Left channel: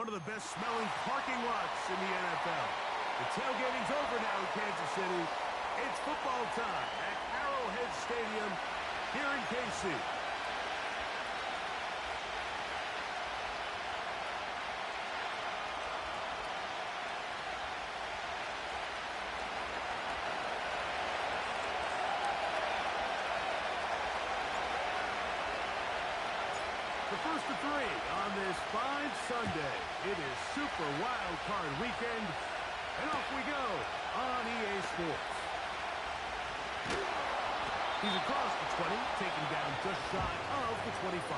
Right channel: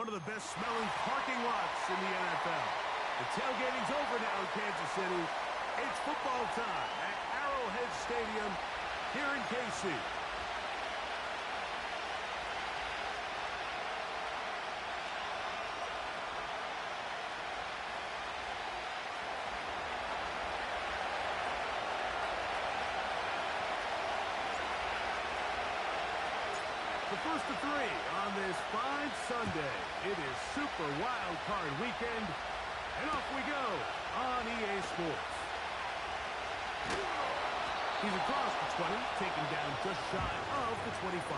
one of the best-smelling parking lots in the NFL. The tailgating's over now in Kansas City. It's football time at Arrowhead Stadium here in KC. The first of three on this fine Sunday. It is Super Wild Card Weekend, and off we go on EA Sports. He's across the 20, taken down just shy of the 25.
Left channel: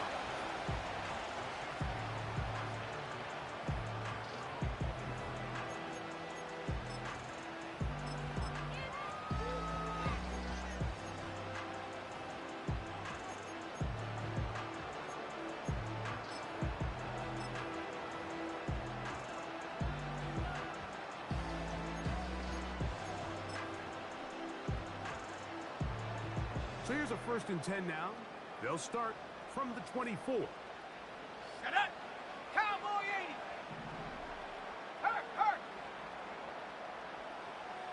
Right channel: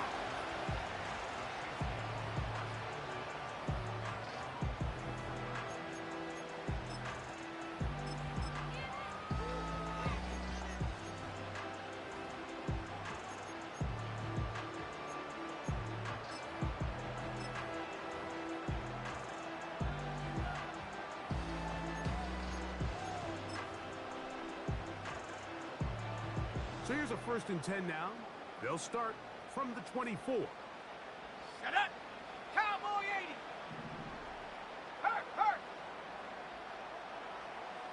So here's a 1st and 10 now. They'll start from the 24. Set up! Cowboy 80! Hurt!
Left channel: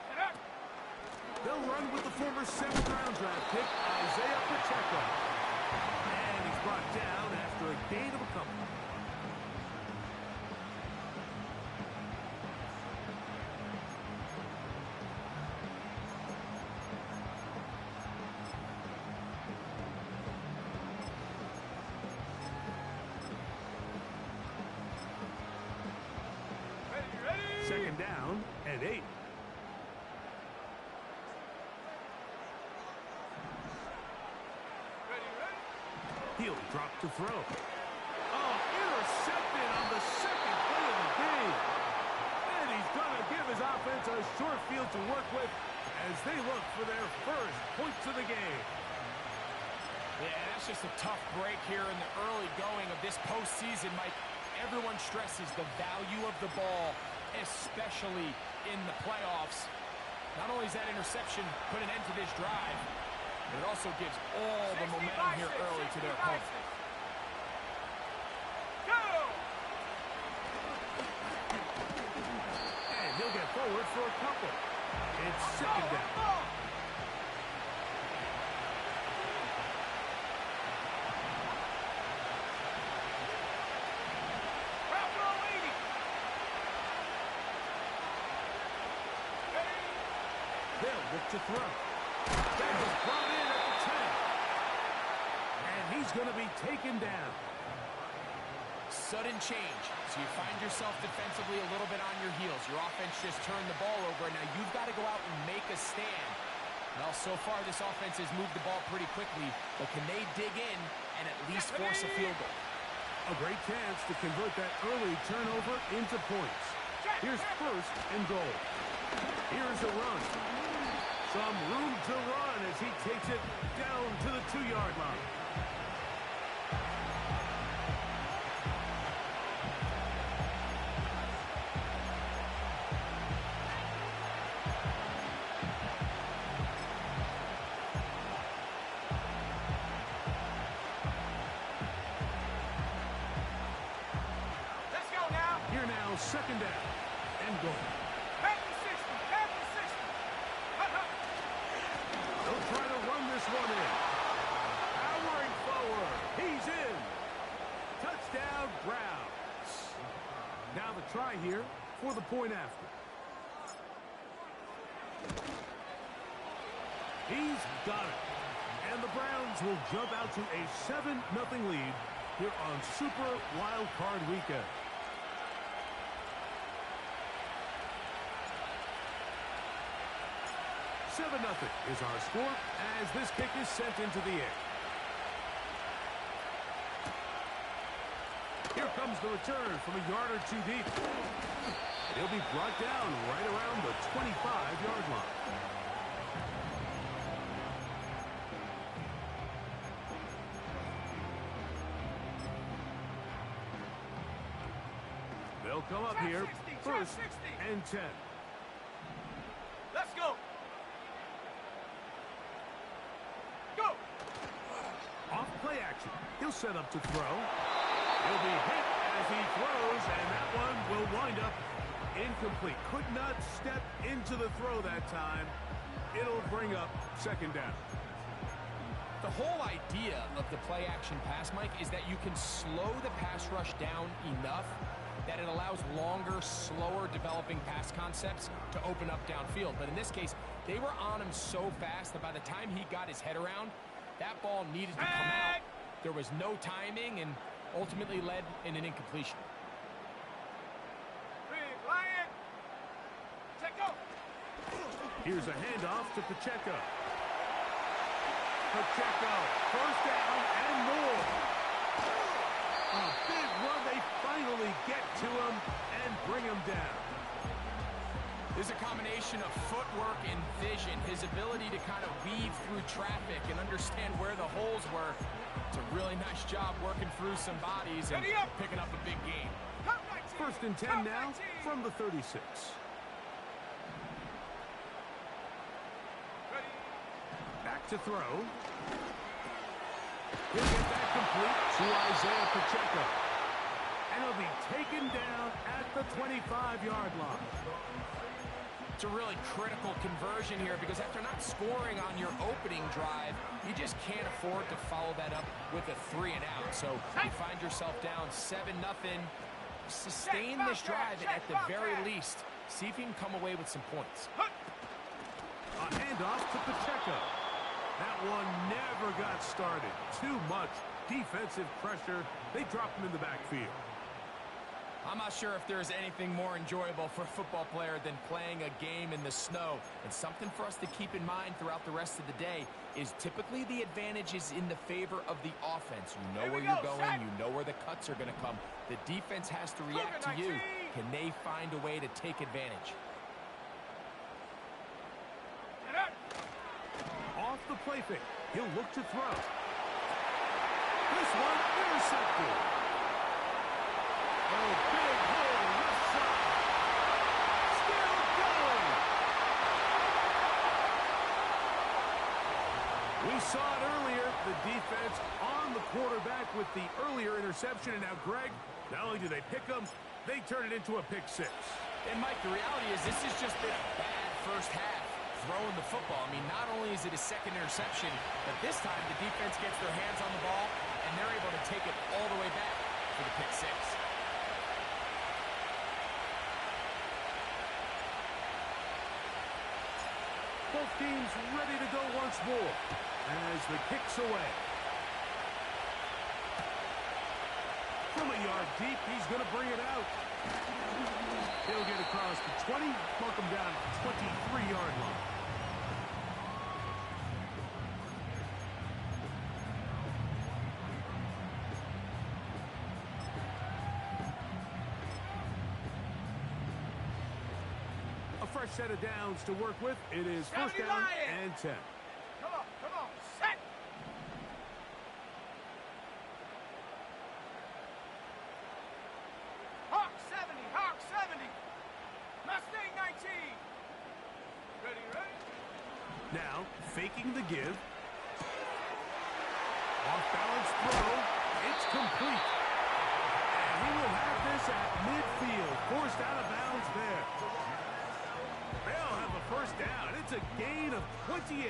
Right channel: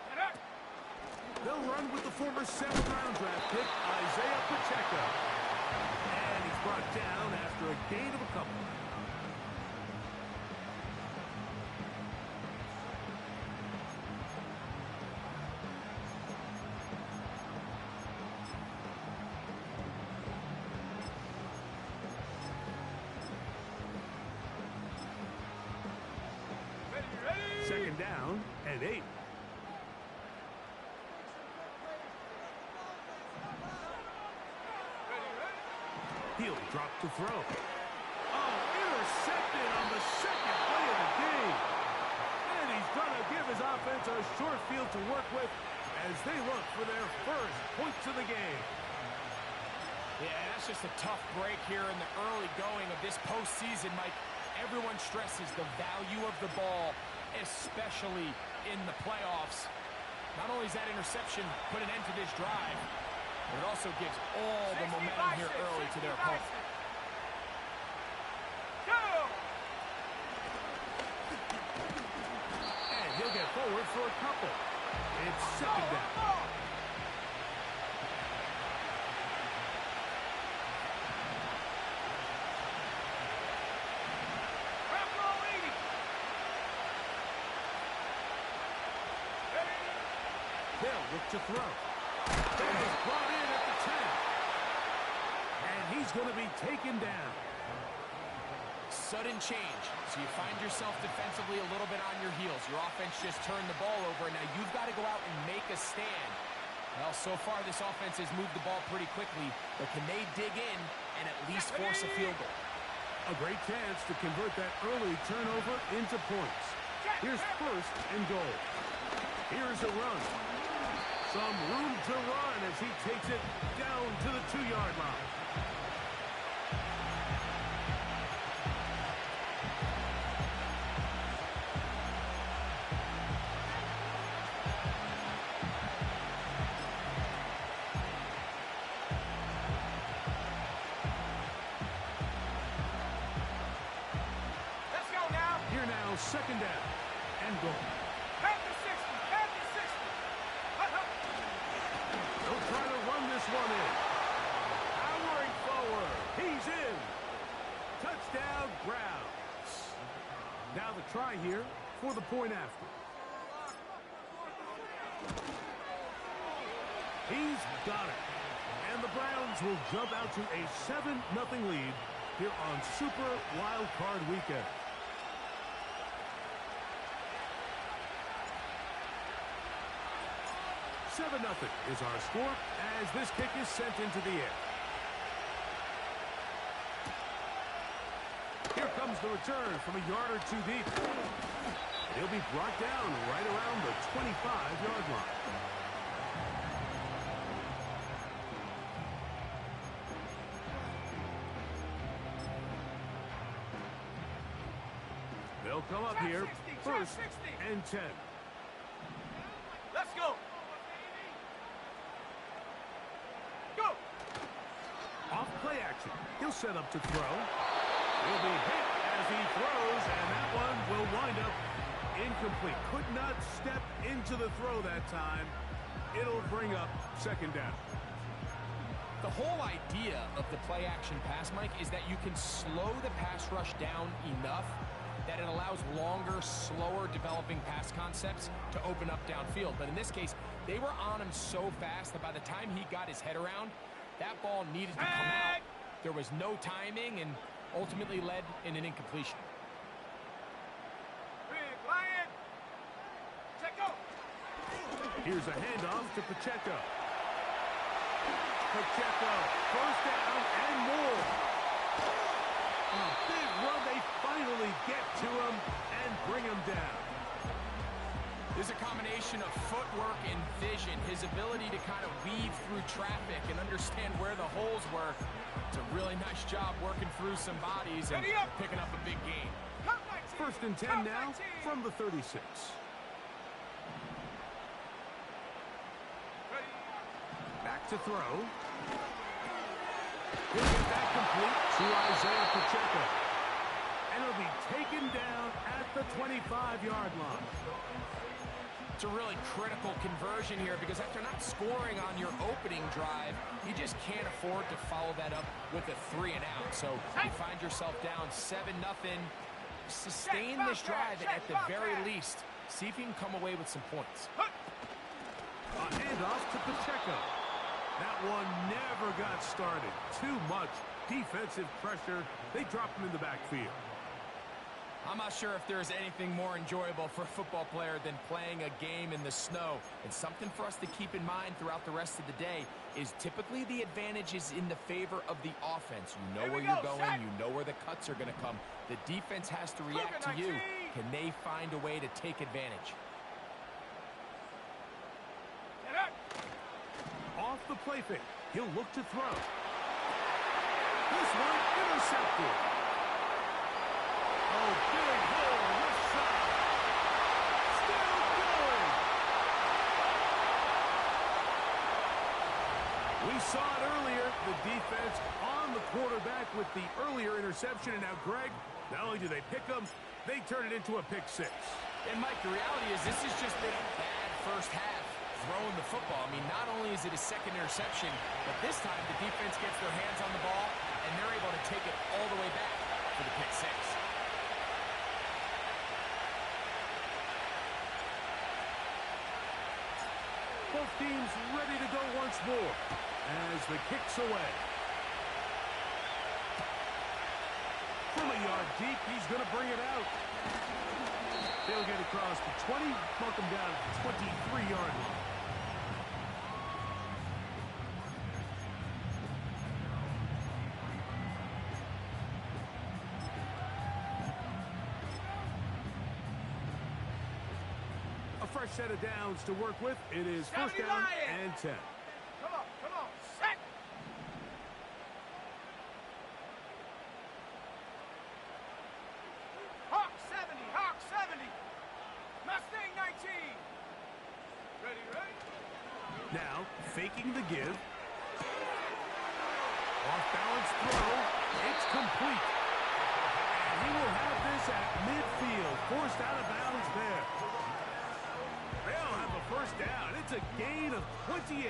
Set up! They'll run with the former 7th-round draft pick, Isaiah Pacheco. And he's brought down after a gain of a couple. Second down and 8. He'll drop to throw. Oh, intercepted on the second play of the game. And he's going to give his offense a short field to work with as they look for their first points of the game. Yeah, that's just a tough break here in the early going of this postseason, Mike. Everyone stresses the value of the ball, especially in the playoffs. Not only does that interception put an end to this drive, but it also gives all the momentum here early to their opponent. Go! And he'll get forward for a couple. It's second down. They'll look to throw. That is brought in at the 10. And he's going to be taken down. Sudden change. So you find yourself defensively a little bit on your heels. Your offense just turned the ball over, and now you've got to go out and make a stand. Well, so far this offense has moved the ball pretty quickly, but can they dig in and at least force a field goal? A great chance to convert that early turnover into points. Here's 1st and goal. Here's a run. Some room to run as he takes it down to the 2-yard line. Let's go now. Here now, 2nd down and goal. Back to 60. Back to 60. They'll try to run this one in. Powering forward. He's in. Touchdown, Browns. Now the try here for the point after. He's got it. And the Browns will jump out to a 7-0 lead here on Super Wild Card Weekend. Nothing is our score as this kick is sent into the air. Here comes the return from a yard or two deep. And he'll be brought down right around the 25-yard line. They'll come up here 1st and 10. Let's go. Off play action. He'll set up to throw. He'll be hit as he throws, and that one will wind up incomplete. Could not step into the throw that time. It'll bring up second down. The whole idea of the play-action pass, Mike, is that you can slow the pass rush down enough that it allows longer, slower developing pass concepts to open up downfield. But in this case, they were on him so fast that by the time he got his head around, that ball needed to come out. There was no timing and ultimately led in an incompletion. Big Lion. Checo. Here's a handoff to Pacheco. Pacheco, first down and more. A big run. They finally get to him and bring him down. There's a combination of footwork and vision, his ability to kind of weave through traffic and understand where the holes were. It's a really nice job working through some bodies and picking up a big gain. First and 10 now from the 36. Back to throw. He'll get that complete to Isaiah Pacheco. And he'll be taken down at the 25-yard line. It's a really critical conversion here because after not scoring on your opening drive, you just can't afford to follow that up with a 3 and out. So you find yourself down 7-0. Sustain this drive and at the very least, see if you can come away with some points. A handoff to Pacheco. That one never got started. Too much defensive pressure. They drop him in the backfield. I'm not sure if there's anything more enjoyable for a football player than playing a game in the snow. And something for us to keep in mind throughout the rest of the day is typically the advantage is in the favor of the offense. You know where you're going. You know where the cuts are going to come. The defense has to react to you. Can they find a way to take advantage? Off the play fake. He'll look to throw. This one intercepted. Oh, big hole left side. Still going. We saw it earlier. The defense on the quarterback with the earlier interception. And now, Greg, not only do they pick them, they turn it into a pick 6. And, Mike, the reality is this has just been a bad first half throwing the football. I mean, not only is it a second interception, but this time the defense gets their hands on the ball, and they're able to take it all the way back for the pick 6. Both teams ready to go once more as the kick's away. From a yard deep, he's going to bring it out. He'll get across the 20, mark him down at the 23-yard line. A fresh set of downs to work with. It is first down and 10. Come on, set. Hawk 70. Mustang 19. Ready? Now, faking the give. Off-balance throw. It's complete. And he will have this at midfield. Forced out of bounds there. They'll have a first down. It's a gain of 28.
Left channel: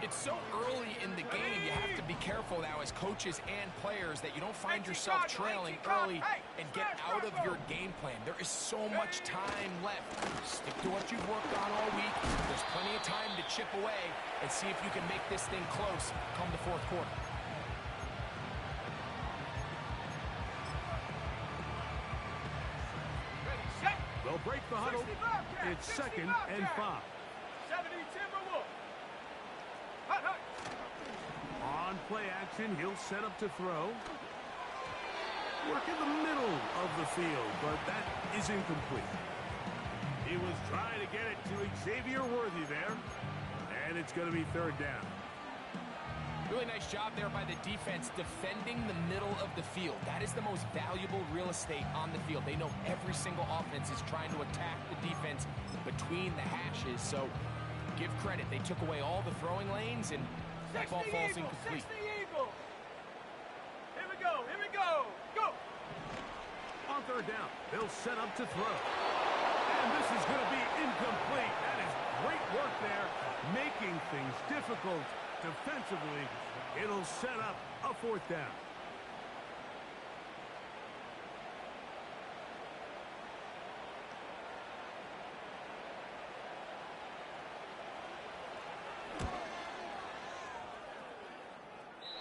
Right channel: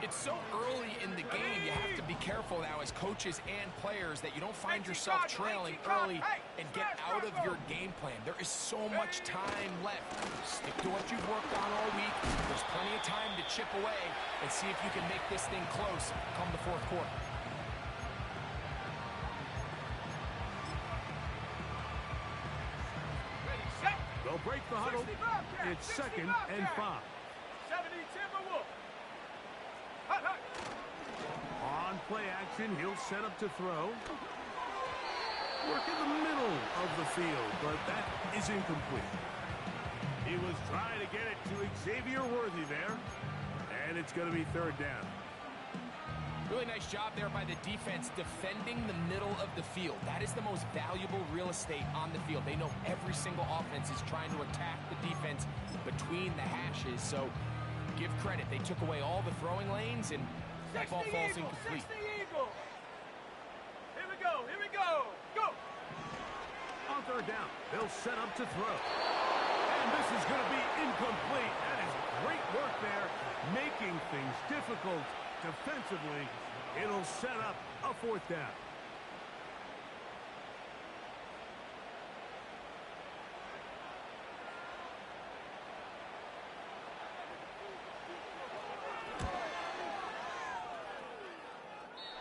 It's so early in the game, you have to be careful now as coaches and players that you don't find yourself trailing early and get out of your game plan. There is so much time left. Stick to what you've worked on all week. There's plenty of time to chip away and see if you can make this thing close come the fourth quarter. They'll break the huddle. It's second and 5. 70 Timberwolves. On play action, he'll set up to throw. Work in the middle of the field, but that is incomplete. He was trying to get it to Xavier Worthy there, and it's going to be third down. Really nice job there by the defense defending the middle of the field. That is the most valuable real estate on the field. They know every single offense is trying to attack the defense between the hashes, so give credit. They took away all the throwing lanes, and that ball falls incomplete. 60 Eagles. Here we go. Go. third down. They'll set up to throw. And this is going to be incomplete. That is great work there, making things difficult defensively. It'll set up a fourth down.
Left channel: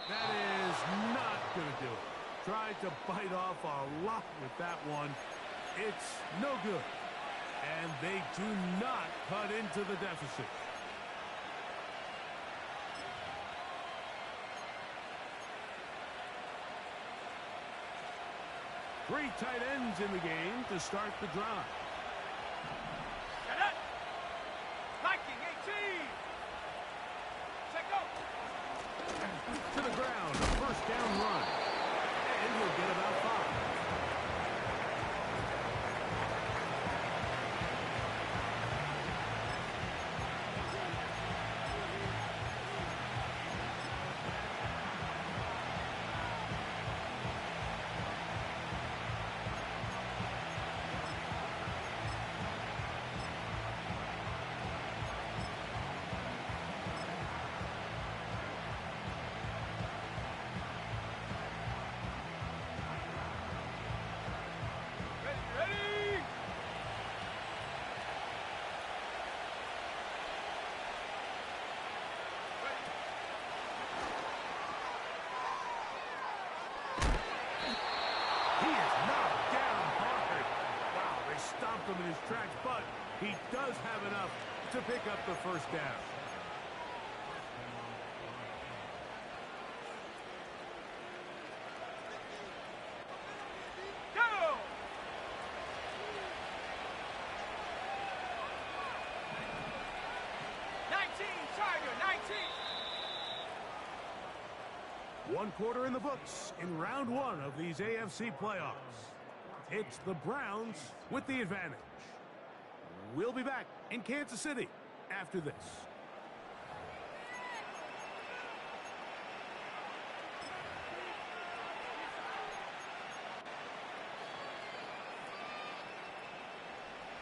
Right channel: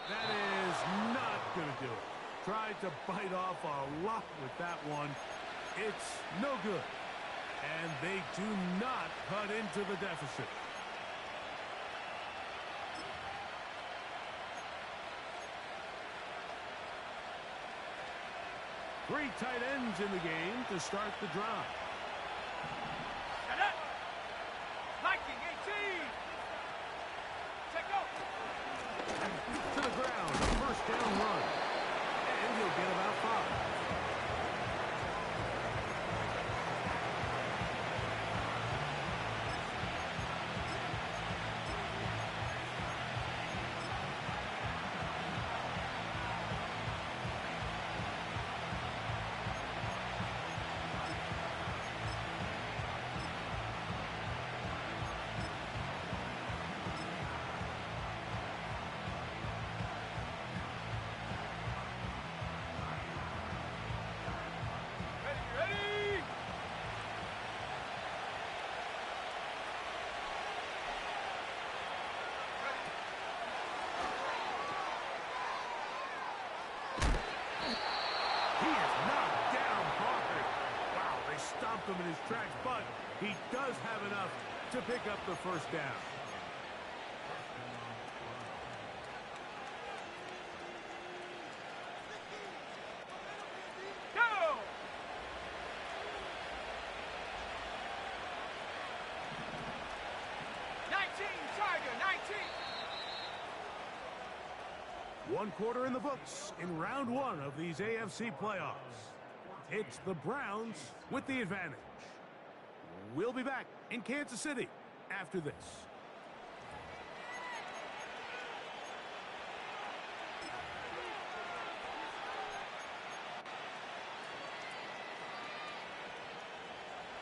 That is not going to do it. Tried to bite off a lot with that one. It's no good. And they do not cut into the deficit. Three tight ends in the game to start the drive. Get it! Viking 18! Check go! To the ground, a first down run. And he'll get about 5. Ready! He is knocked down hard. Wow, they stomped him in his tracks, but he does have enough to pick up the first down. Go! Tiger, 19! One quarter in the books in round 1 of these AFC playoffs. It's the Browns with the advantage. We'll be back in Kansas City after this.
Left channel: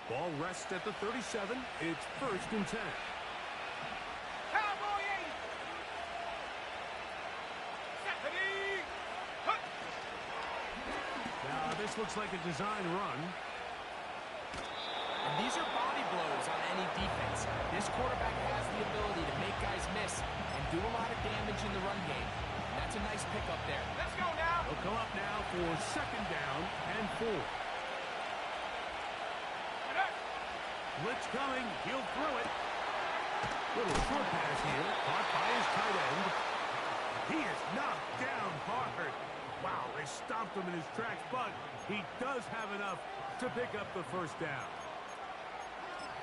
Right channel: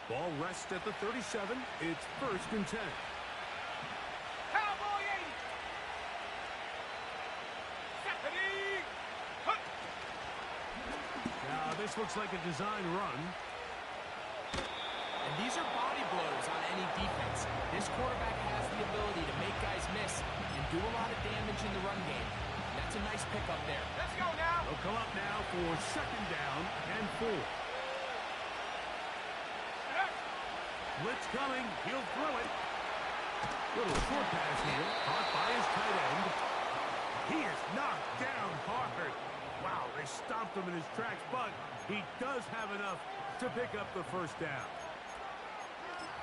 Ball rests at the 37. It's 1st and 10. Cowboy 80! Stephanie! Hook! Now, this looks like a design run. And these are body blows on any defense. This quarterback has the ability to make guys miss and do a lot of damage in the run game. And that's a nice pickup there. Let's go now! They'll come up now for 2nd down and 4. Blitz coming. He'll throw it. Little short pass here. Caught by his tight end. He is knocked down hard. Wow, they stomped him in his tracks, but he does have enough to pick up the first down.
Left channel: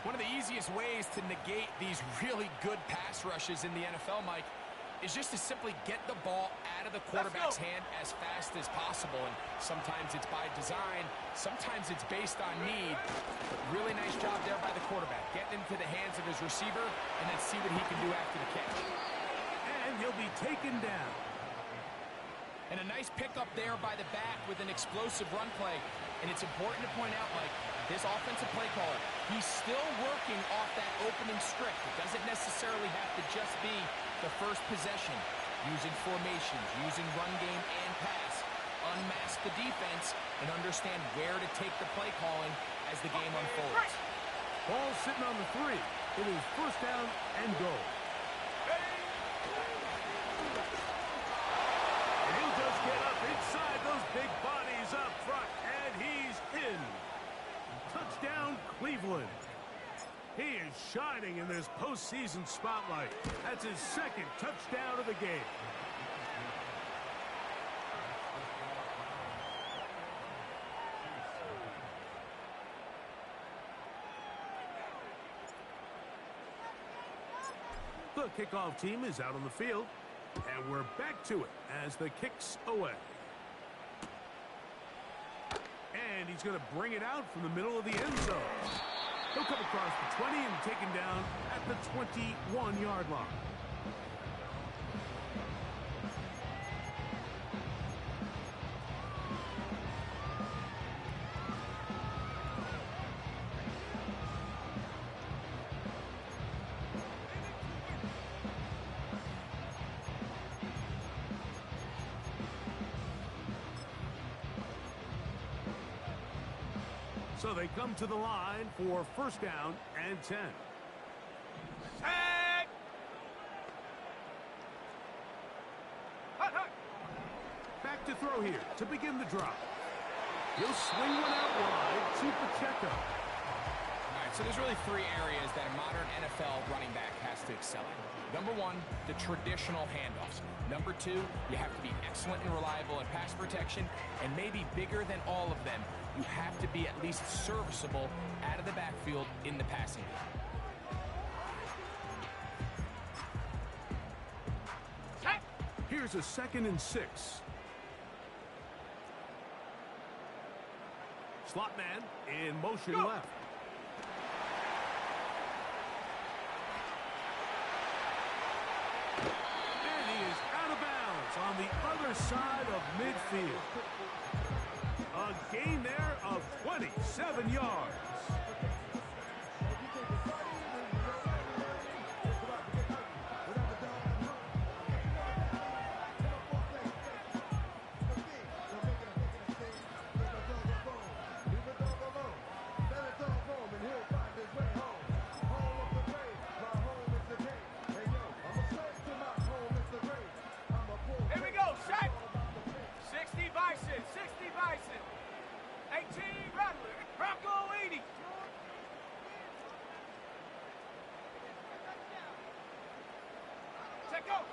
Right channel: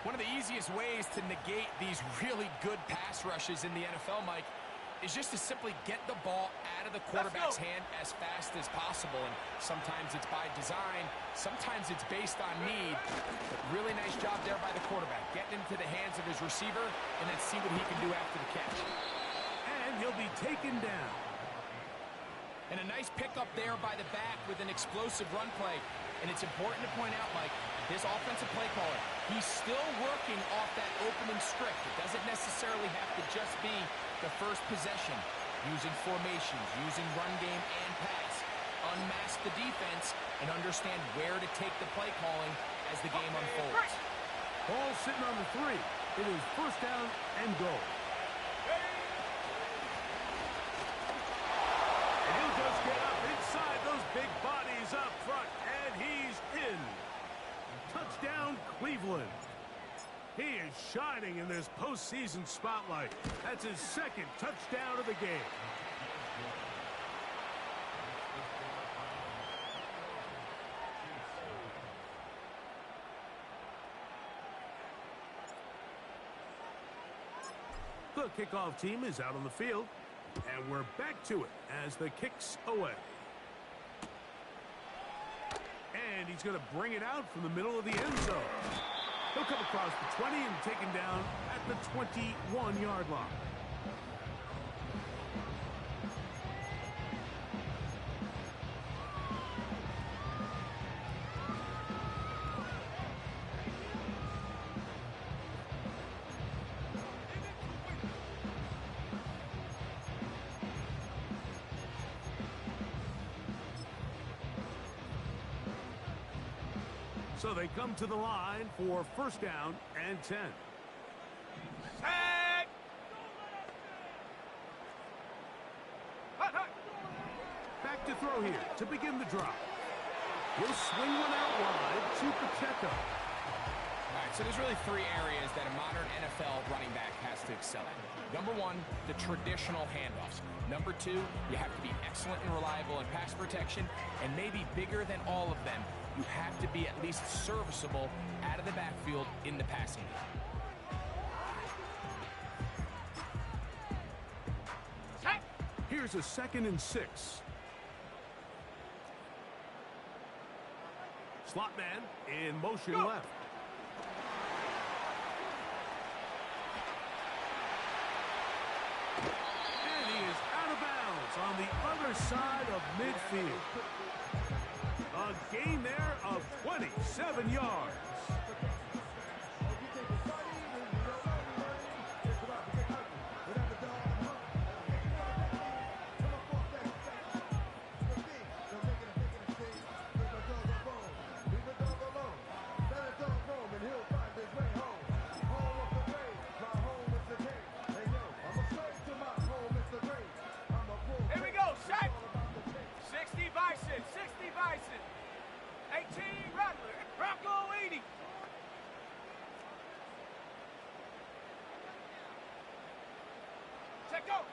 One of the easiest ways to negate these really good pass rushes in the NFL, Mike, is just to simply get the ball out of the quarterback's hand as fast as possible. And sometimes it's by design, sometimes it's based on need. But really nice job there by the quarterback, getting into the hands of his receiver and then see what he can do after the catch. And he'll be taken down. And a nice pickup there by the back with an explosive run play. And it's important to point out, Mike, this offensive play caller, he's still working off that opening script. It doesn't necessarily have to just be the first possession, using formations, using run game and pass. Unmask the defense and understand where to take the play calling as the game unfolds. Ball sitting on the 3. It is 1st down and goal. And he'll just get up inside those big bodies up front, and he's in. Touchdown, Cleveland. He is shining in this postseason spotlight. That's his 2nd touchdown of the game. The kickoff team is out on the field, and we're back to it as the kick's away. And he's going to bring it out from the middle of the end zone. He'll come across the 20 and taken down at the 21-yard line. So they come to the line for first down and 10. Set. Hut, hut. Back to throw here to begin the drop. He'll swing one out wide to Pacheco. All right, so there's really three areas that a modern NFL running back has to excel at. Number one, the traditional handoffs. Number two, you have to be excellent and reliable in pass protection. And maybe bigger than all of them, you have to be at least serviceable out of the backfield in the passing game. Here's a 2nd and 6. Slot man in motion left. And he is out of bounds on the other side of midfield. A gain there of 27 yards. Here we go, set. 60 Bison, 60 Bison. 18 Rattler, Bronco 80. Check go.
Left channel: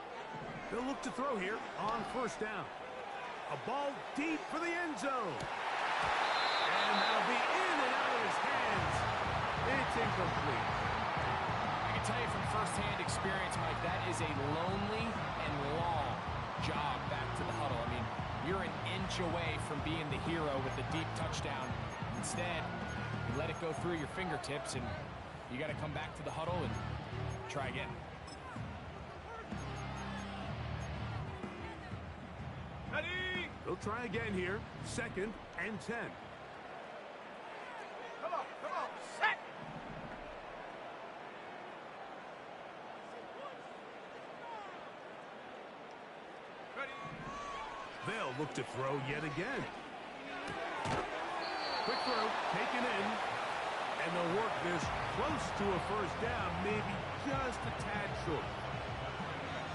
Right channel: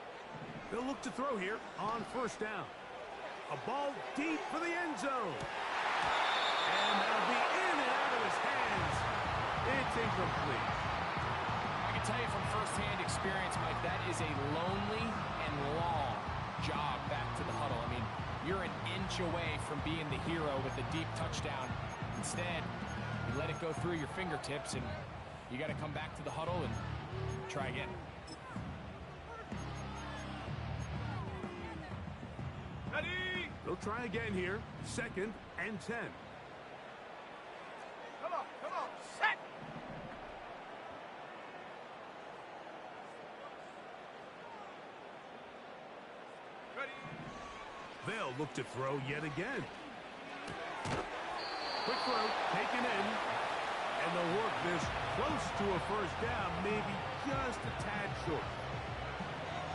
They'll look to throw here on first down. A ball deep for the end zone. And that'll be in and out of his hands. It's incomplete. I can tell you from firsthand experience, Mike, that is a lonely and long jog back to the huddle. I mean, you're an inch away from being the hero with the deep touchdown. Instead, you let it go through your fingertips, and you got to come back to the huddle and try again. Ready? They'll try again here. 2nd and 10. Come on, set. Ready? They'll look to throw yet again. Quick throw, taken in. And they'll work this close to a first down, maybe just a tad short.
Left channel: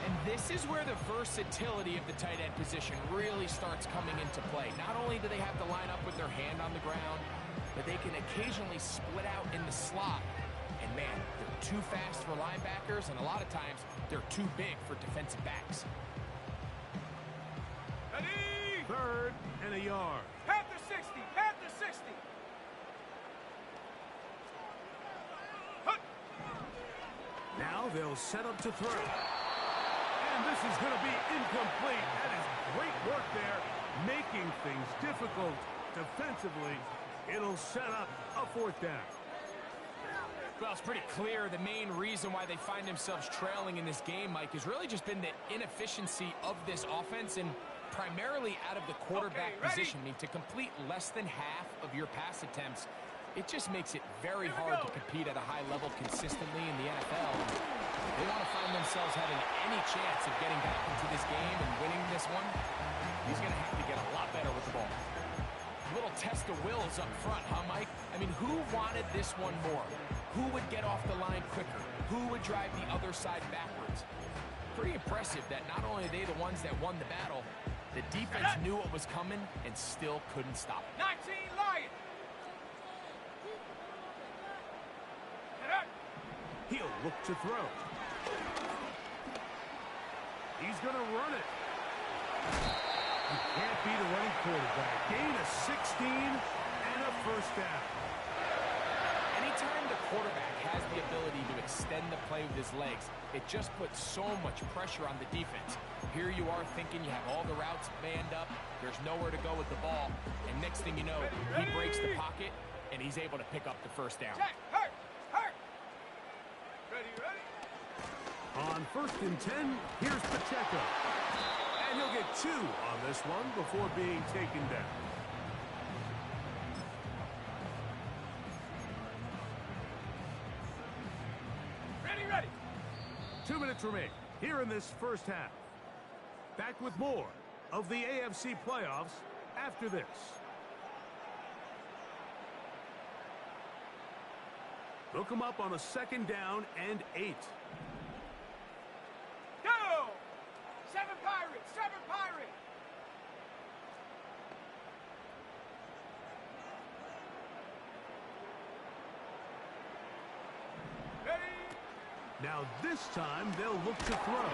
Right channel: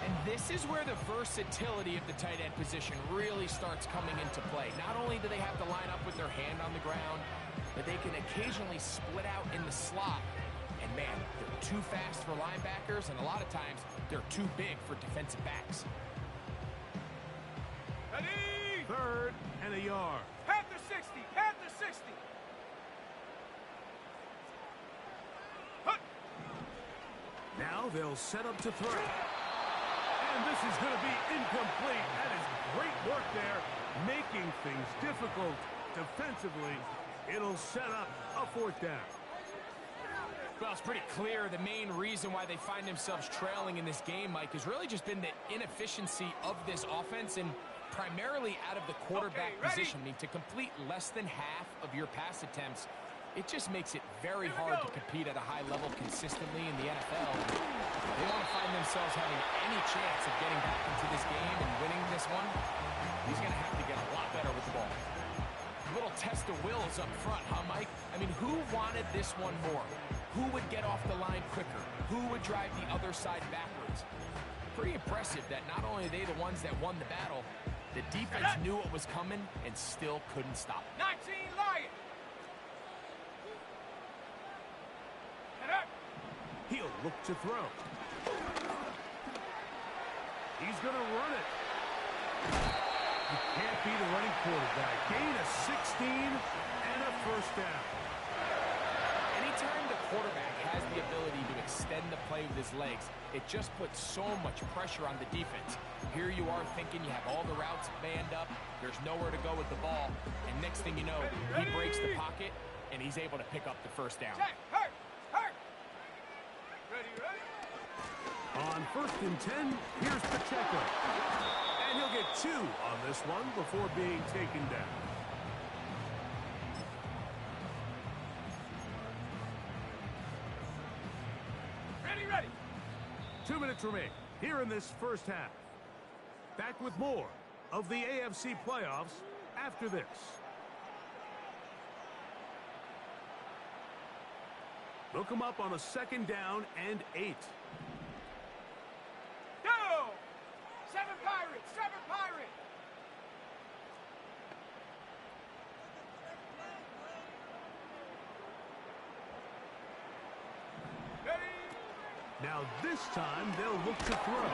And this is where the versatility of the tight end position really starts coming into play. Not only do they have to line up with their hand on the ground, but they can occasionally split out in the slot. And man, they're too fast for linebackers, and a lot of times they're too big for defensive backs. Ready? 3rd and a yard. Panther 60, Panther 60. Hut. Now they'll set up to throw. And this is going to be incomplete. That is great work there, making things difficult defensively. It'll set up a 4th down. Well, it's pretty clear the main reason why they find themselves trailing in this game, Mike, has really just been the inefficiency of this offense and primarily out of the quarterback position. I mean, to complete less than half of your pass attempts, it just makes it very hard to compete at a high level consistently in the NFL. They want to find themselves having any chance of getting back into this game and winning this one. He's going to have to get a lot better with the ball. Little test of wills up front, huh, Mike? I mean, who wanted this one more? Who would get off the line quicker? Who would drive the other side backwards? Pretty impressive that not only are they the ones that won the battle, the defense knew what was coming and still couldn't stop it. 19 Lion. He'll look to throw. He's going to run it. You can't beat a running quarterback. Gain of 16 and a first down. Anytime the quarterback has the ability to extend the play with his legs, it just puts so much pressure on the defense. Here you are thinking you have all the routes manned up, there's nowhere to go with the ball, and next thing you know, he breaks the pocket, and he's able to pick up the first down. Check, hurt. Ready. On 1st and 10, here's Pacheco. And he'll get 2 on this one before being taken down. Ready. 2 minutes remain here in this first half. Back with more of the AFC playoffs after this. Look him up on a 2nd down and 8. Go! 7 Pirates! 7 Pirates! Ready? Now this time they'll look to throw.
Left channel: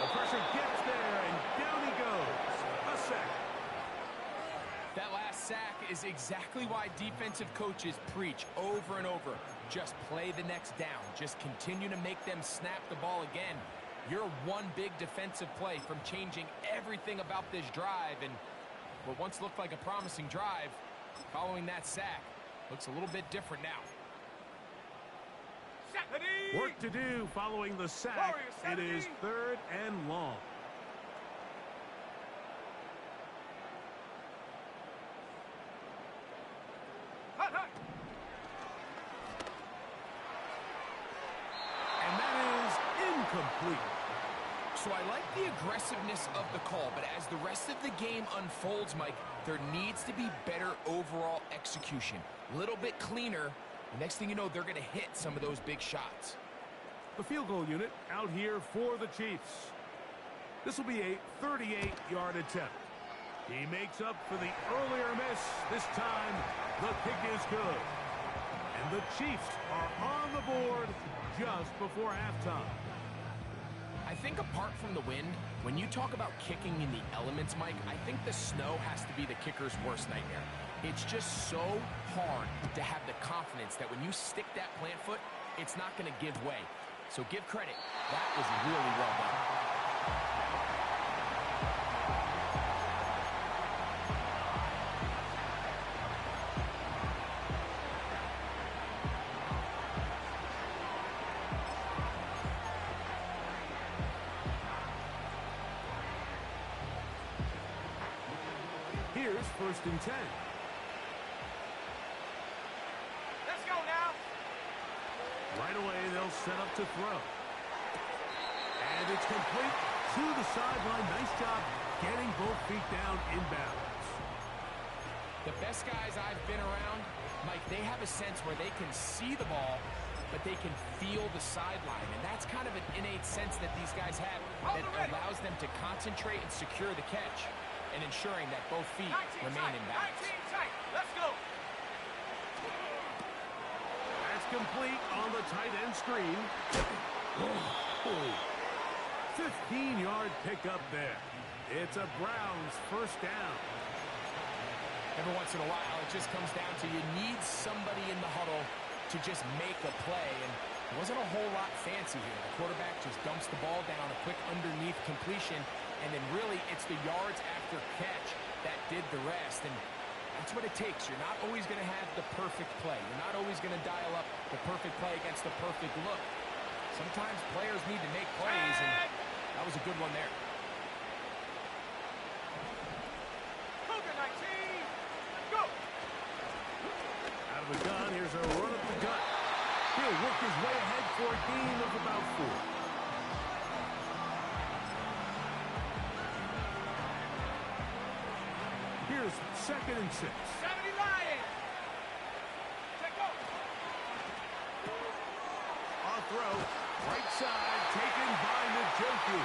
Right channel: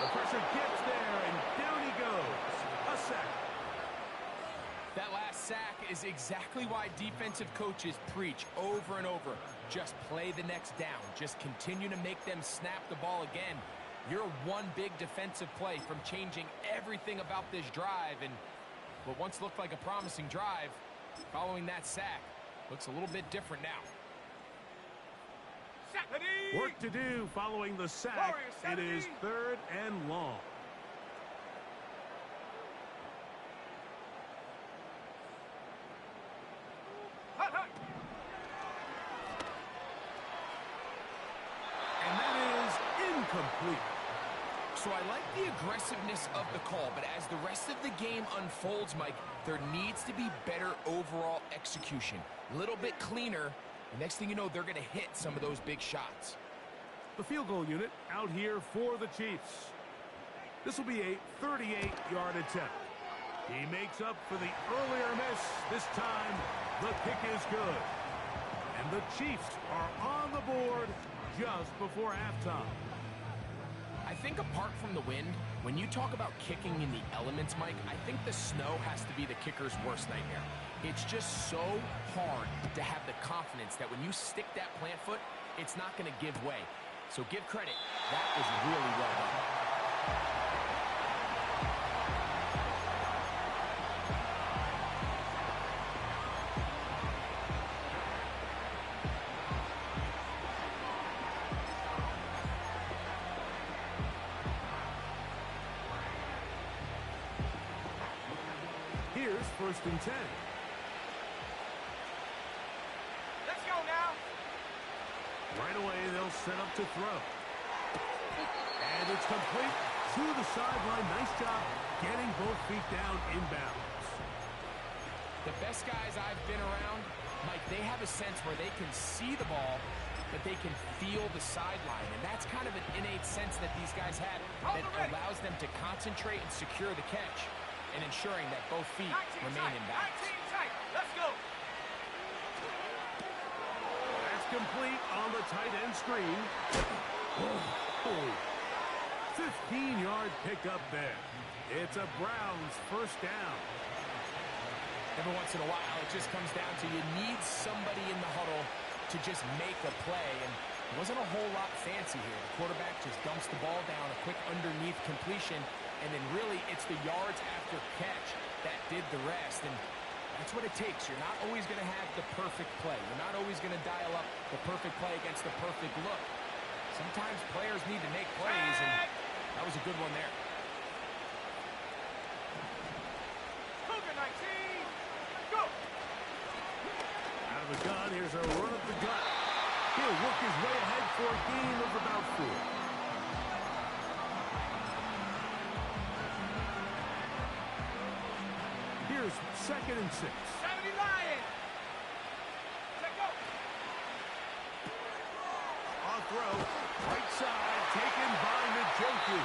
The pressure gets there, and down he goes. A sack. That last sack is exactly why defensive coaches preach over and over. Just play the next down. Just continue to make them snap the ball again. You're one big defensive play from changing everything about this drive, and what once looked like a promising drive, following that sack, looks a little bit different now. Work to do following the sack. It is 3rd and long. Hut, hut. And that is incomplete. So I like the aggressiveness of the call, but as the rest of the game unfolds, Mike, there needs to be better overall execution. A little bit cleaner. The next thing you know, they're going to hit some of those big shots. The field goal unit out here for the Chiefs. This will be a 38-yard attempt. He makes up for the earlier miss. This time, the kick is good. And the Chiefs are on the board just before halftime. I think apart from the wind, when you talk about kicking in the elements, Mike, I think the snow has to be the kicker's worst nightmare. It's just so hard to have the confidence that when you stick that plant foot, it's not going to give way. So give credit. That was really well done. Here's 1st and 10. Let's go now. Right away, they'll set up to throw. And it's complete to the sideline. Nice job getting both feet down in bounds. The best guys I've been around, Mike, they have a sense where they can see the ball, but they can feel the sideline. And that's kind of an innate sense that these guys have that allows them to concentrate and secure the catch and ensuring that both feet remain in balance. 19 tight. Let's go. That's complete on the tight end screen. 15-yard pickup there. It's a Browns 1st down. Every once in a while, it just comes down to you need somebody in the huddle to just make a play, and it wasn't a whole lot fancy here. The quarterback just dumps the ball down, a quick underneath completion, and then really it's the yards after catch that did the rest, and that's what it takes. You're not always going to have the perfect play. You're not always going to dial up the perfect play against the perfect look. Sometimes players need to make plays, and that was a good one there. Cougar 19. Go. Out of the gun, here's a run up the gut. He'll work his way ahead for a gain of about 4. Here's 2nd and 6. 70 Lions. Check go. On throw, right side, taken by Njoku.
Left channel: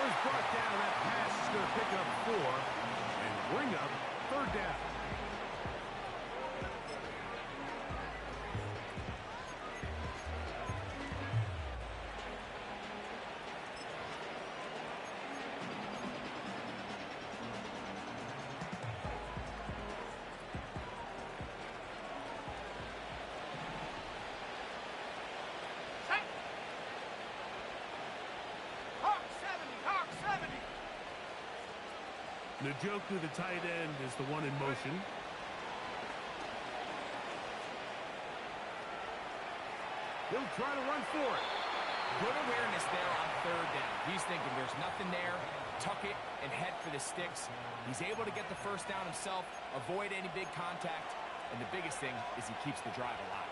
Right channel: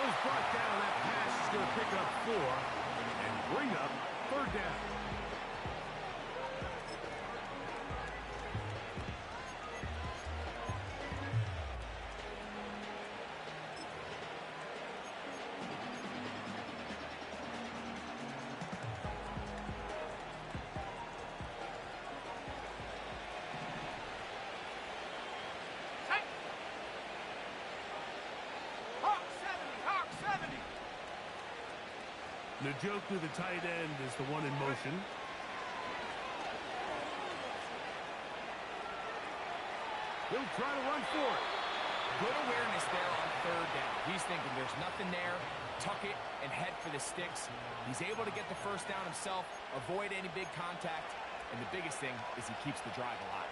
Was brought down. That pass is going to pick up 4 and bring up 3rd down. Njoku, the tight end, is the one in motion. He'll try to run for it. Good awareness there on 3rd down. He's thinking there's nothing there, tuck it, and head for the sticks. He's able to get the 1st down himself, avoid any big contact, and the biggest thing is he keeps the drive alive.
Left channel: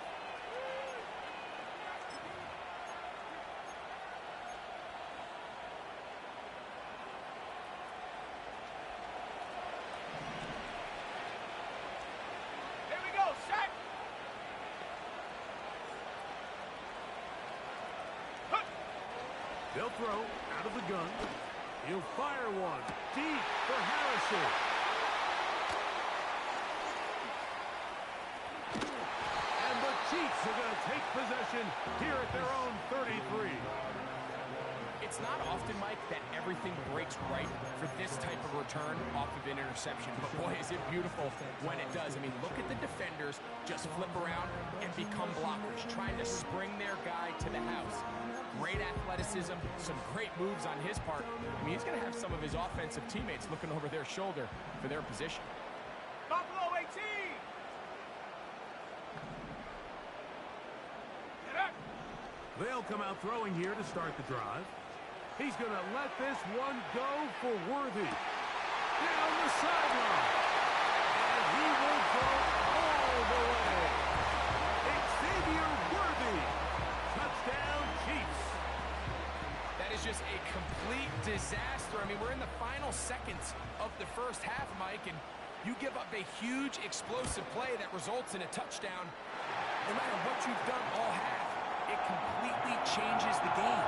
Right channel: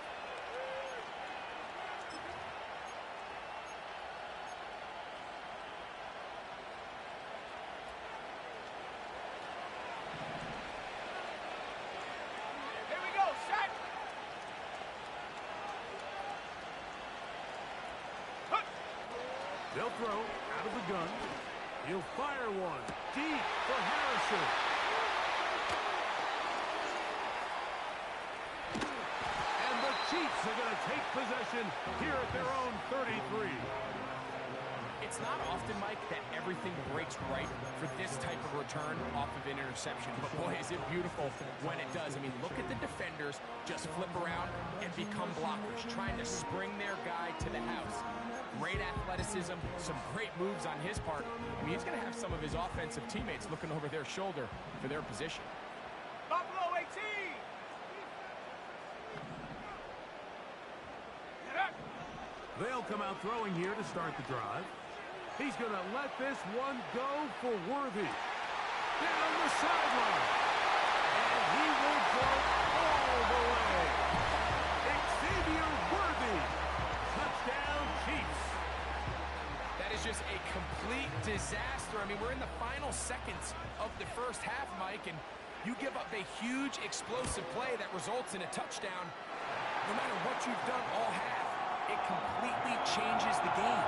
They'll throw out of the gun. He'll fire one deep for Harrison. And the Chiefs are going to take possession here at their own 33. It's not often, Mike, that everything breaks right for this type of return off of an interception. But, boy, is it beautiful when it does. I mean, look at the defenders just flip around and become blockers, trying to spring their guy to the house. Great athleticism, some great moves on his part. I mean, he's going to have some of his offensive teammates looking over their shoulder for their position. Buffalo 18! Get up! They'll come out throwing here to start the drive. He's going to let this one go for Worthy. Down the sideline. And he will go all the way. Xavier Worthy. Touchdown, Chiefs. That is just a complete disaster. I mean, we're in the final seconds of the first half, Mike, and you give up a huge explosive play that results in a touchdown. No matter what you've done all half, it completely changes the game.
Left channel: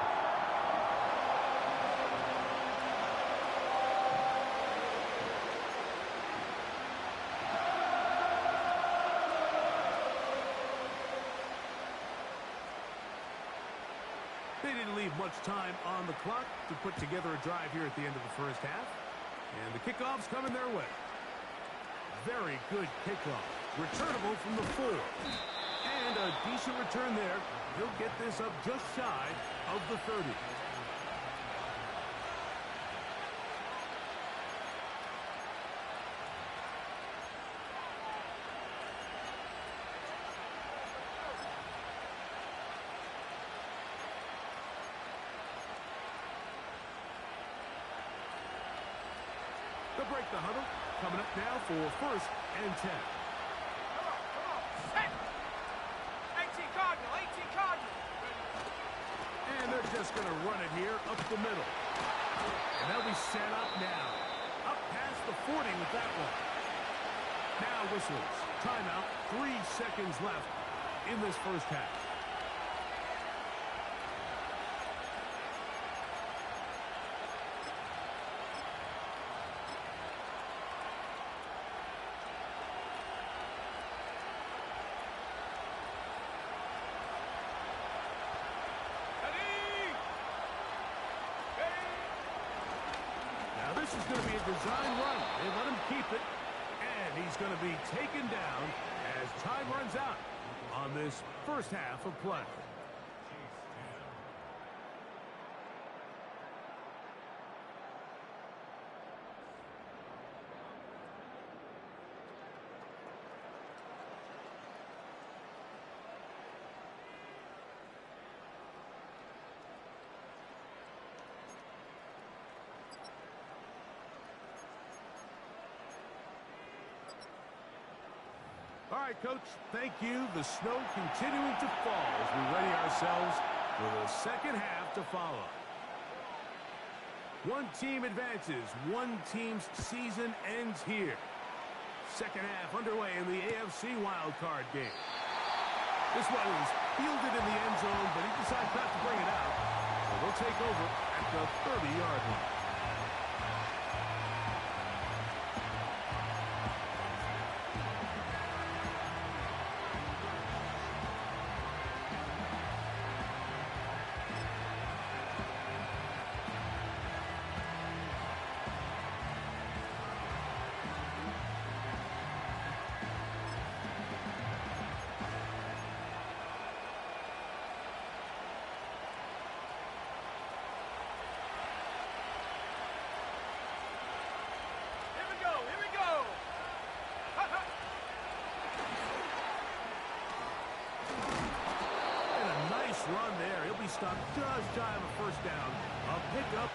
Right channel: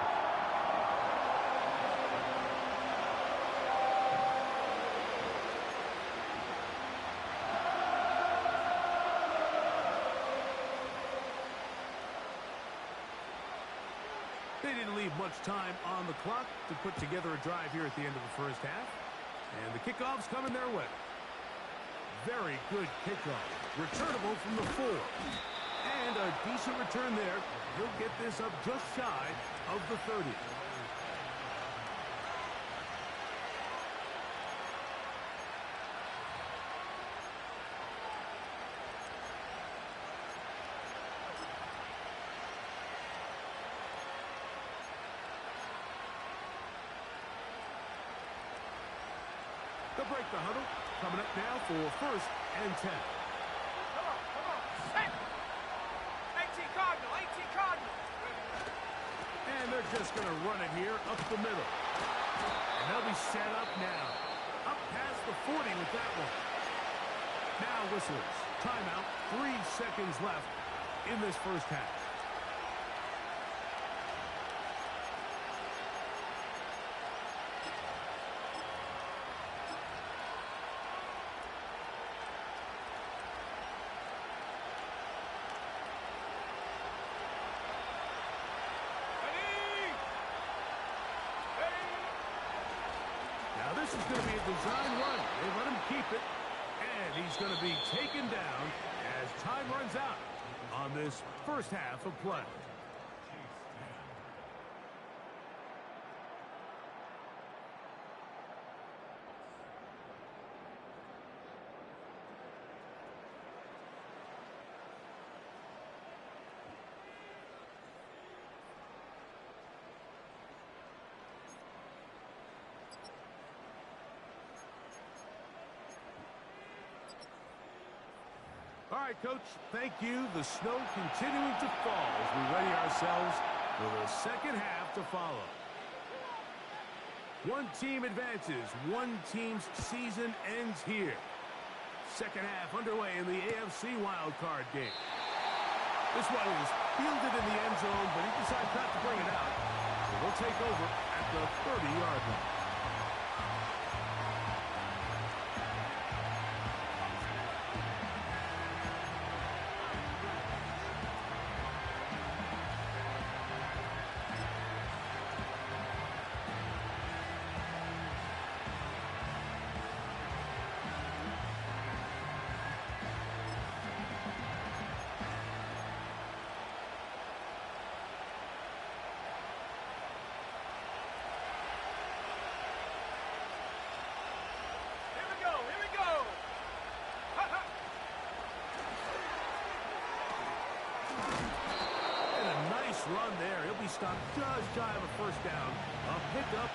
They didn't leave much time on the clock to put together a drive here at the end of the first half. And the kickoff's coming their way. Very good kickoff. Returnable from the 4. And a decent return there. He'll get this up just shy of the 30. They'll break the huddle. Coming up now for 1st and 10. Come on, set! 18 Cardinal, 18 Cardinal! And they're just going to run it here up the middle. And they'll be set up now. Up past the 40 with that one. Now whistlers. Timeout. 3 seconds left in this first half. Now this is going to be a design run. They let him keep it. And he's going to be taken down as time runs out on this first half of play. All right, Coach, thank you. The snow continuing to fall as we ready ourselves for the second half to follow. One team advances. One team's season ends here. Second half underway in the AFC wildcard game. This one is fielded in the end zone, but he decides not to bring it out. So they'll take over at the 30-yard line. Run there. He'll be stopped just shy of a first down. A pickup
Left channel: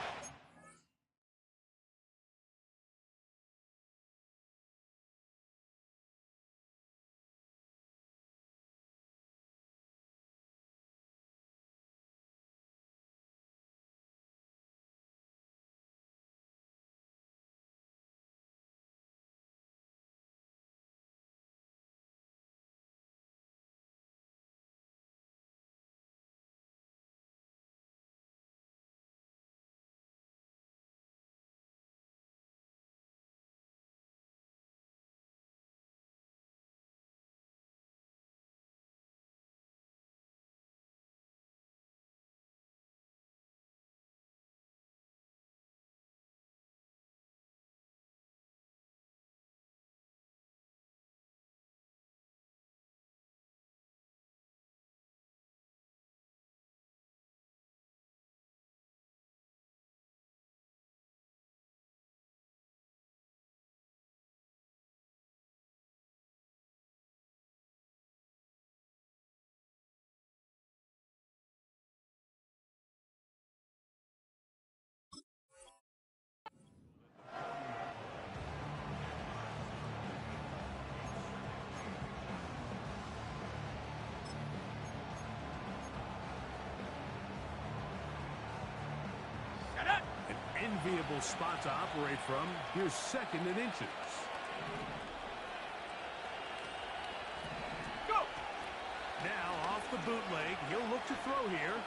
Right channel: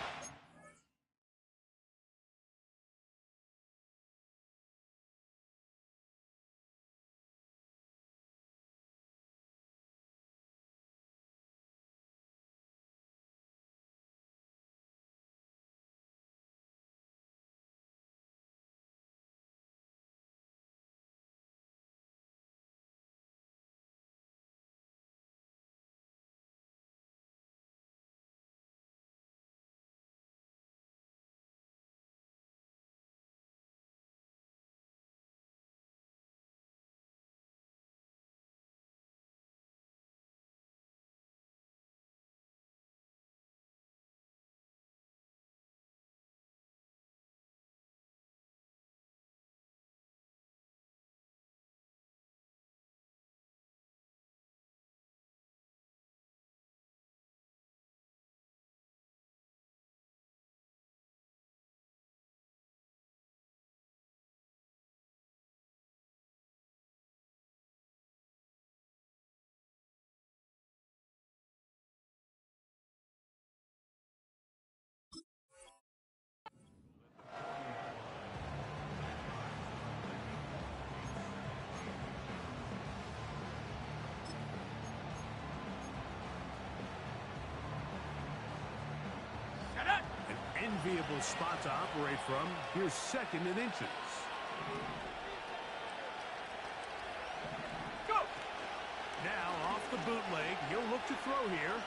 enviable spot to operate from. Here's second and inches. Go! Now off the bootleg. He'll look to throw here.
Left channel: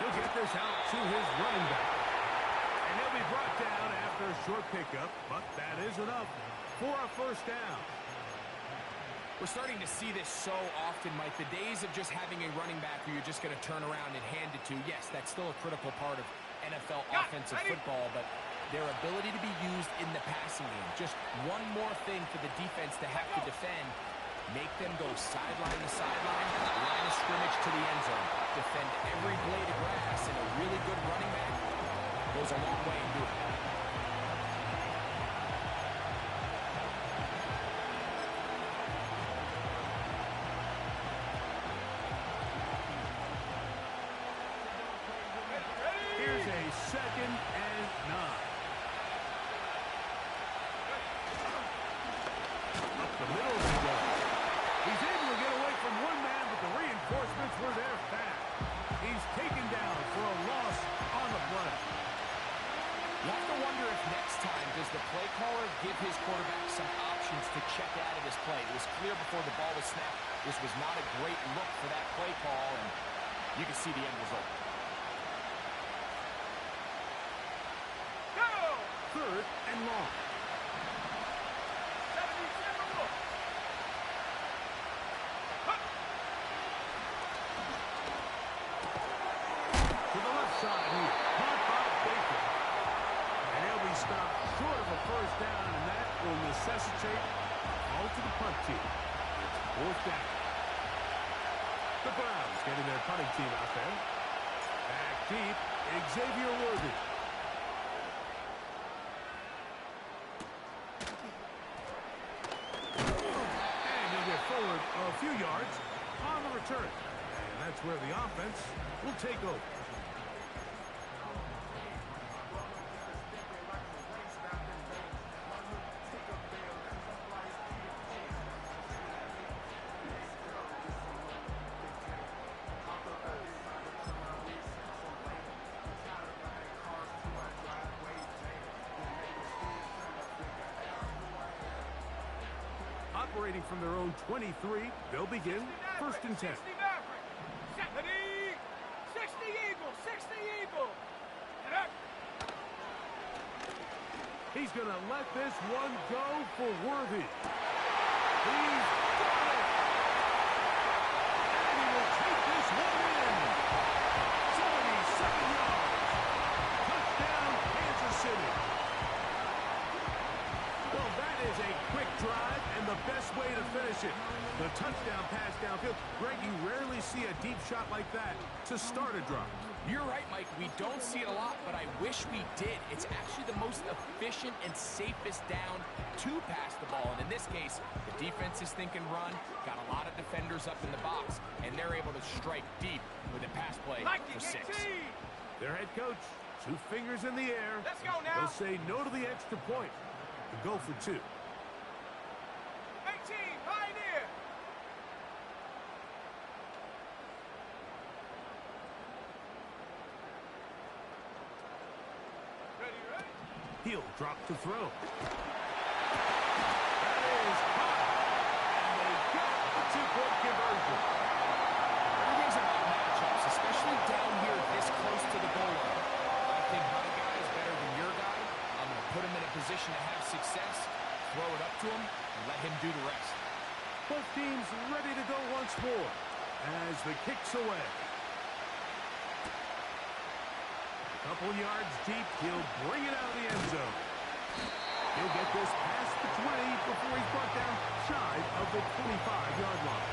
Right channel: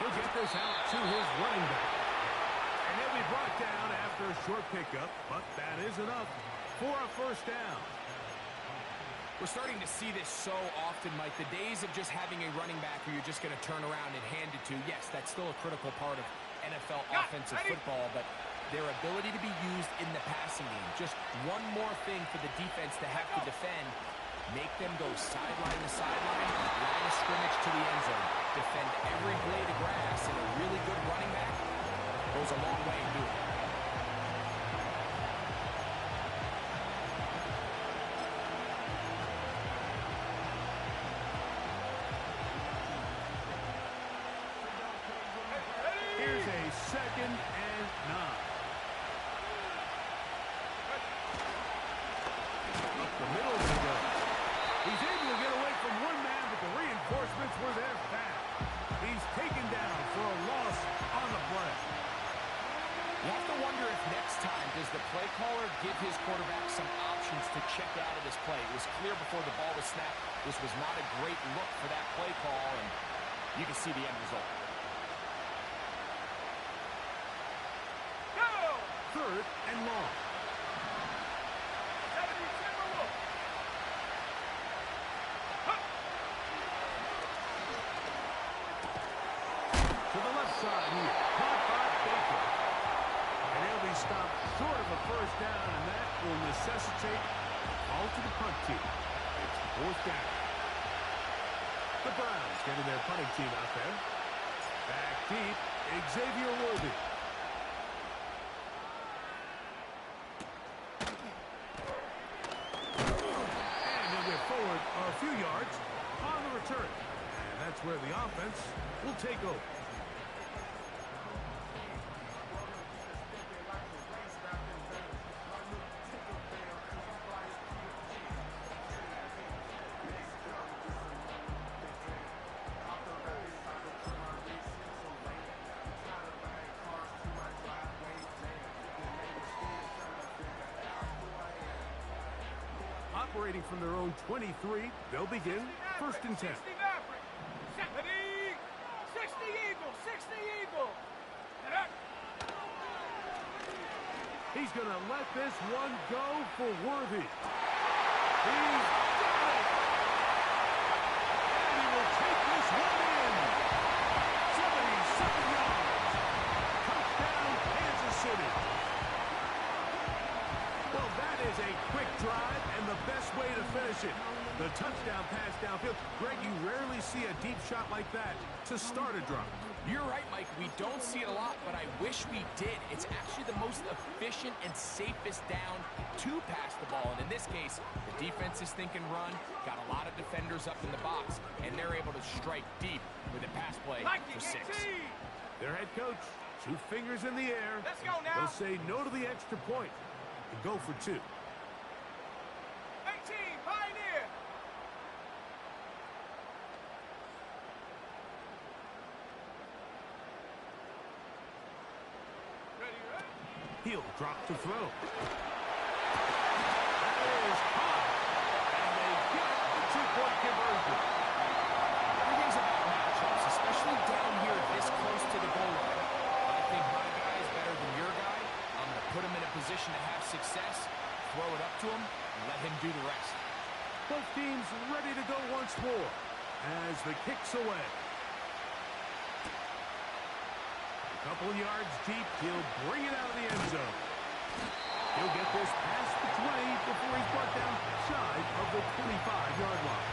He'll get this out to his running back. And he'll be brought down after a short pickup, but that is enough for a first down. We're starting to see this so often, Mike. The days of just having a running back who you're just going to turn around and hand it to, yes, that's still a critical part of NFL offensive football, but their ability to be used in the passing game, just one more thing for the defense to have to defend, make them go sideline to sideline, line of scrimmage to the end zone, defend every blade of grass, and a really good running back goes a long way in doing it. Here's a second and 9. Up the middle he goes. He's able to get away from one man, but the reinforcements were there fast. He's taken down for a loss on the play. You have to wonder if next time, does the play caller give his quarterback some options to check out of this play? It was clear before the ball was snapped, this was not a great look for that play call, and you can see the end result. Third and long. 70 Timberwolves. To the left side here. Caught by Baker. And he'll be stopped short of a first down, and that will necessitate a call to the punt team. It's fourth down. The Browns getting their punting team out there. Back deep, Xavier Worthy. Forward a few yards on the return. And that's where the offense will take over. Operating from their own 23, they'll begin first and 10. 60 Maverick, 70, 60 Eagle, 60 Eagle. And up. He's going to let this one go for Worthy. He's got it. And he will take this one in. 77 yards. Touchdown, Kansas City. Well, that is a quick drive and the best way to finish it. The touchdown pass downfield. Greg, you rarely see a deep shot like that to start a drive. You're right, Mike. We don't see it a lot, but I wish we did. It's actually the most efficient and safest down to pass the ball. And in this case, the defense is thinking run, got a lot of defenders up in the box, and they're able to strike deep with a pass play for 6. Their head coach, 2 fingers in the air. Let's go now. They'll say no to the extra point and go for 2. 18, Pioneer. Ready? He'll drop to throw. That is caught. And they get the 2-point conversion. Everything's about matchups, especially down here this close to the goal line. I think my guy is better than your guy. I'm going to put him in a position to have success, throw it up to him, and let him do the rest. Both teams ready to go once more as the kick's away. A couple yards deep, he'll bring it out of the end zone. He'll get this past the 20 before he's brought down shy of the 25-yard line.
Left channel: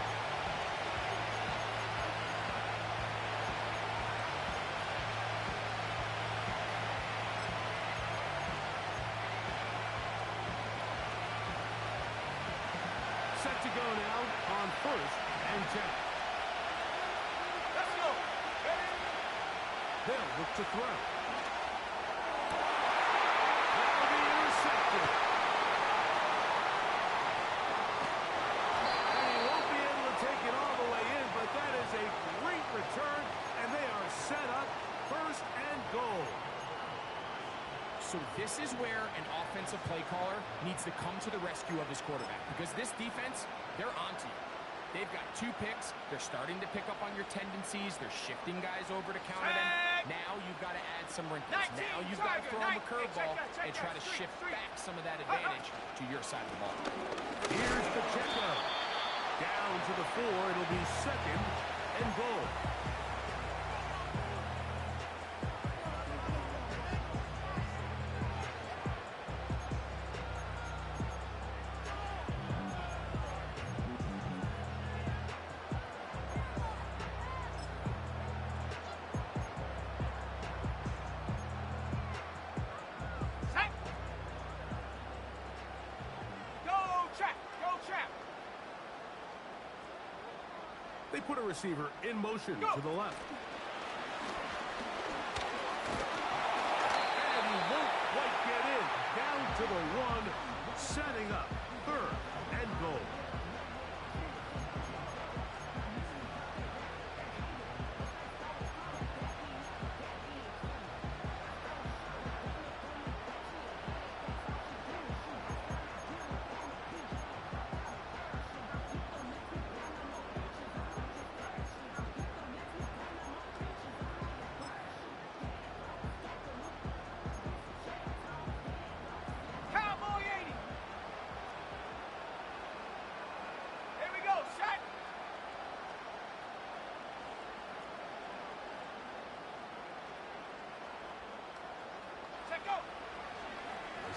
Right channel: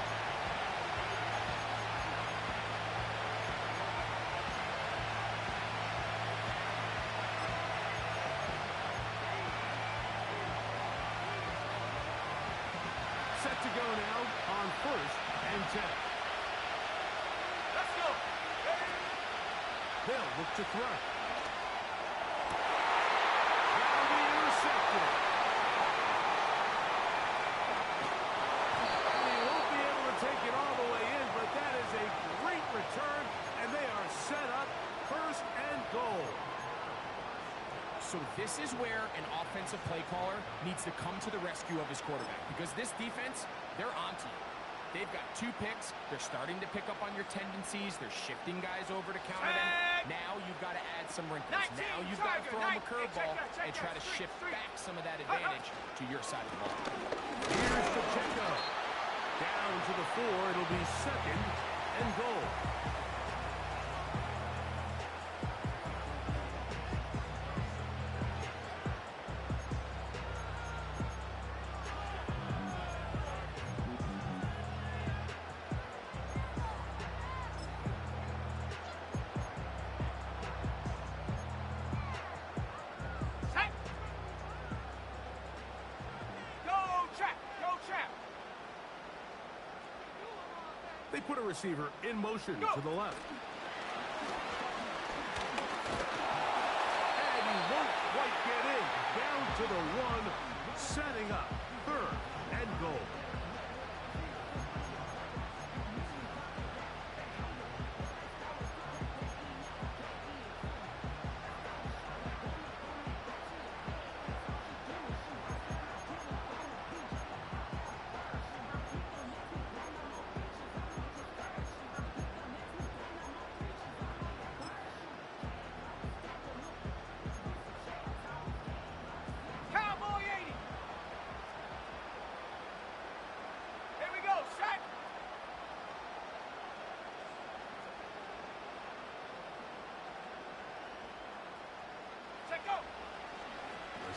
Set to go now on first and 10. Let's go. Ready? They'll look to throw. That'll be intercepted. And he won't be able to take it all the way in, but that is a great return, and they are set up first and goal. So this is where an offensive play caller needs to come to the rescue of his quarterback, because this defense, they're onto you. They've got 2 picks. They're starting to pick up on your tendencies. They're shifting guys over to counter them. Now you've got to add some wrinkles. Now you've got to throw them a curveball and try to shift back some of that advantage to your side of the ball. Here's Pacheco. Down to the 4. It'll be 2nd and goal. They put a receiver in motion to the left. And he won't quite get in. Down to the 1, setting up 3rd and goal.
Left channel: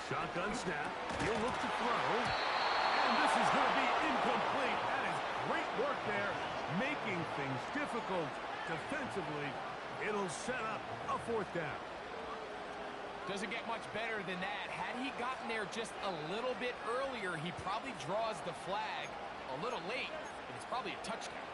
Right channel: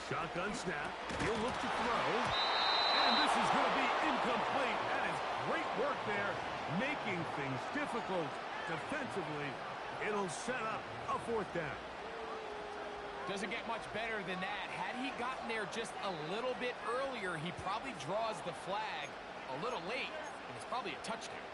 Shotgun snap. He'll look to throw. And this is going to be incomplete. That is great work there, making things difficult defensively. It'll set up a 4th down. Doesn't get much better than that. Had he gotten there just a little bit earlier, he probably draws the flag a little late, and it's probably a touchdown.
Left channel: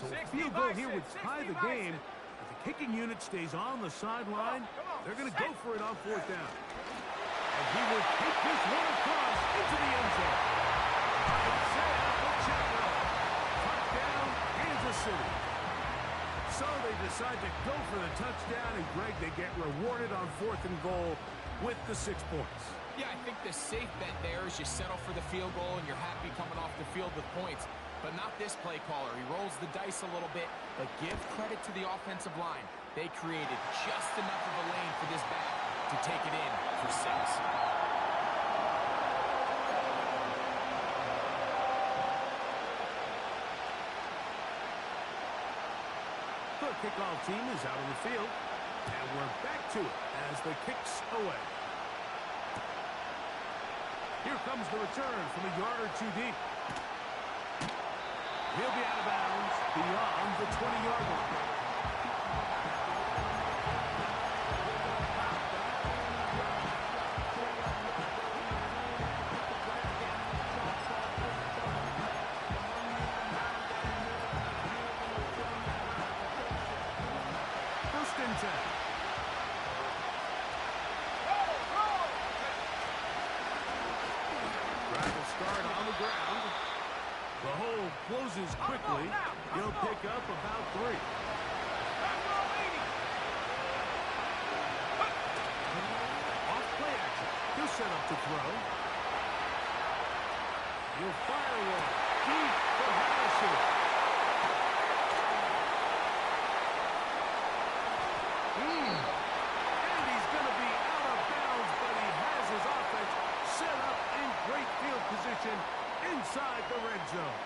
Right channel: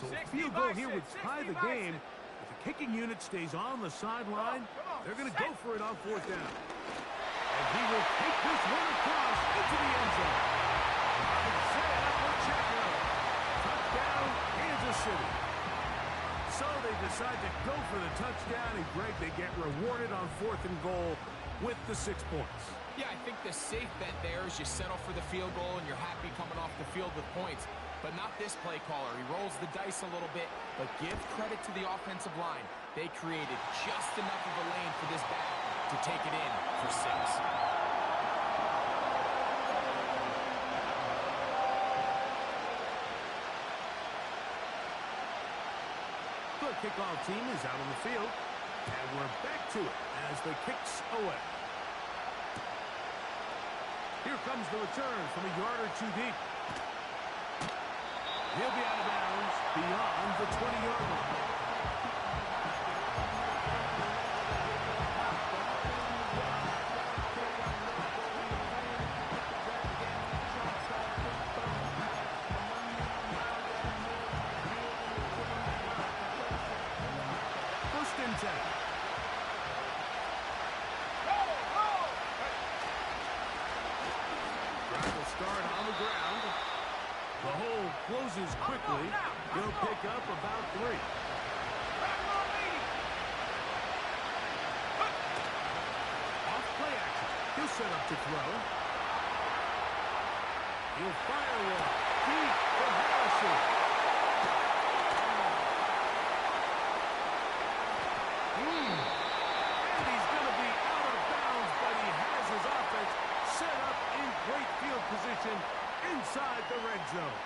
So a field goal here would tie the game. If the kicking unit stays on the sideline, they're going to go for it on 4th down. And he will take this one across into the end zone. Isaiah Pacheco. Touchdown, Kansas City. So they decide to go for the touchdown, and Greg, they get rewarded on 4th and goal with the 6 points. Yeah, I think the safe bet there is you settle for the field goal and you're happy coming off the field with points. But not this play caller. He rolls the dice a little bit, but give credit to the offensive line. They created just enough of a lane for this back to take it in for 6. The kickoff team is out on the field, and we're back to it as the kick's away. Here comes the return from a yard or 2 deep. He'll be out of bounds beyond the 20-yard line. First and 10. Drive will start on the ground. The hole closes quickly. He'll pick up about 3. Off play action. He'll set up to throw. He'll fire one. Deep from Harrison. And he's going to be out of bounds, but he has his offense set up in great field position inside the red zone.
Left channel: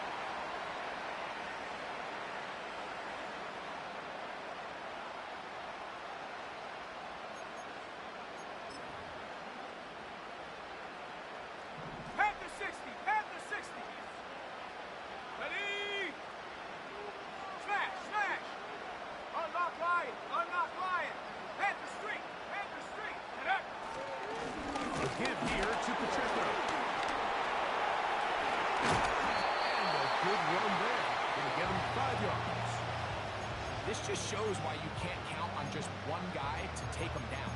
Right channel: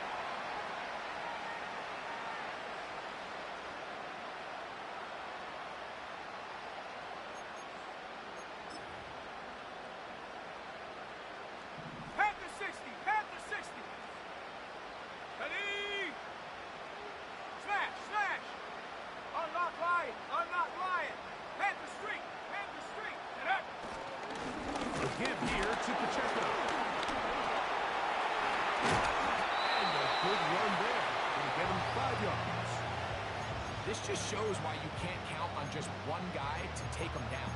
Panther 60, Panther 60. Ready? Smash, smash. Unlock Lion, unlock Lion. Panther Street, Panther Street. And up. A give here to Pacheco. And a good run there. Going to get him 5 yards. This just shows why you can't count on just one guy to take him down.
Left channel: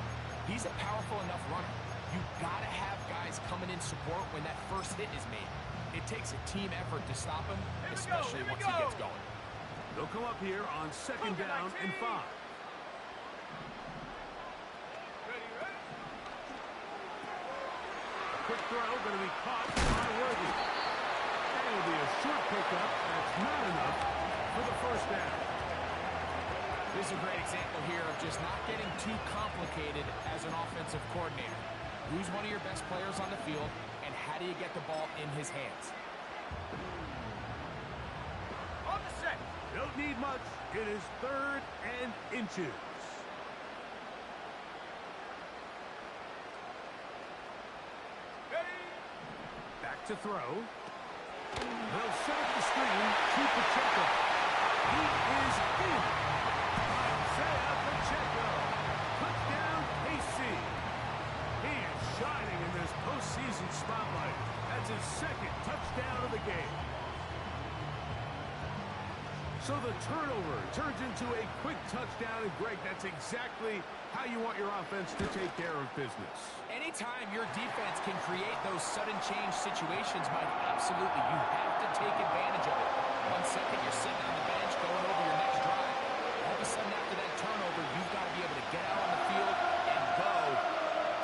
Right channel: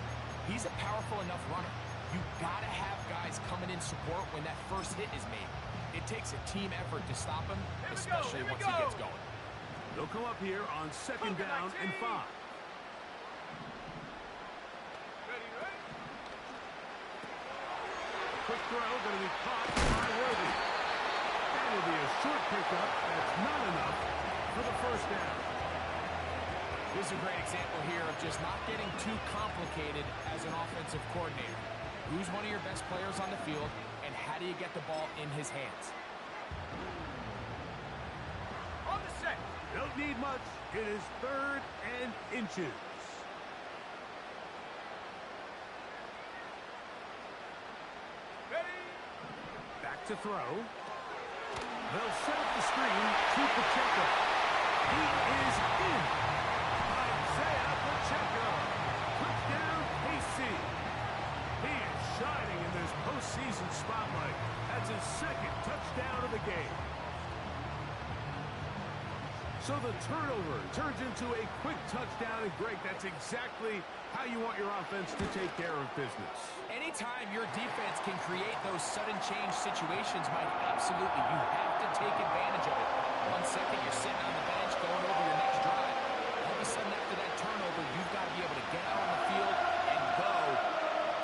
He's a powerful enough runner. You gotta have guys coming in support when that first hit is made. It takes a team effort to stop him, especially once he gets going. They'll come up here on second down and 5. Ready. A quick throw going to be caught by Worthy. And it'll be a short pickup. That's not enough for the first down. This is a great example here of just not getting too complicated as an offensive coordinator. Who's one of your best players on the field, and how do you get the ball in his hands? On the set. Don't need much. It is 3rd and inches. Ready. Back to throw. They'll set up the screen to Pacheco. He is in. Isaiah Pacheco. Touchdown, KC. He is shining in this postseason spotlight. That's his 2nd touchdown of the game. So the turnover turns into a quick touchdown, and Greg, that's exactly how you want your offense to take care of business. Anytime your defense can create those sudden change situations, Mike, absolutely, you have to take advantage of it. 1 second, you're sitting on the bench going over your next drive. All of a sudden, after that turnover, you've got to be able to get out on the field and go.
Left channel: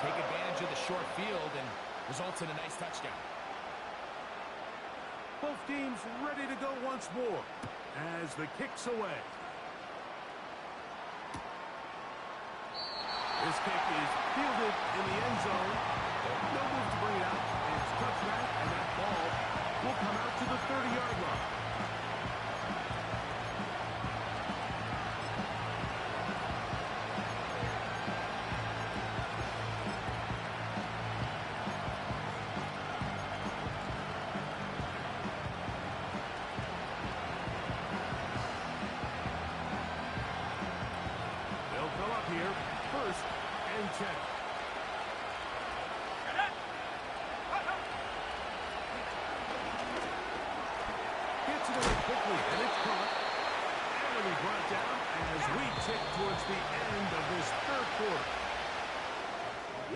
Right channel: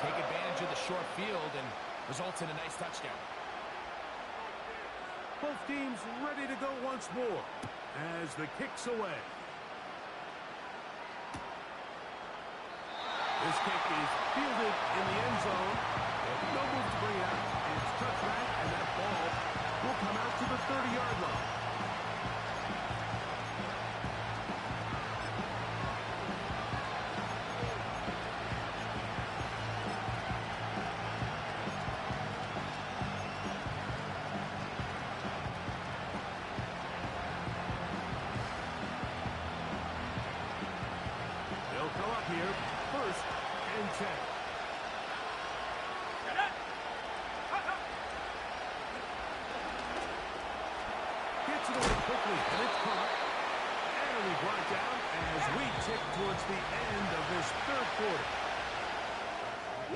Take advantage of the short field and results in a nice touchdown. Both teams ready to go once more as the kick's away. This kick is fielded in the end zone. No move to bring it out. It's touchback, and that ball will come out to the 30-yard line. They'll come up here, 1st and 10. Gets it away quickly, and it's caught. And it'll be brought down as we tick towards the end of this 3rd quarter.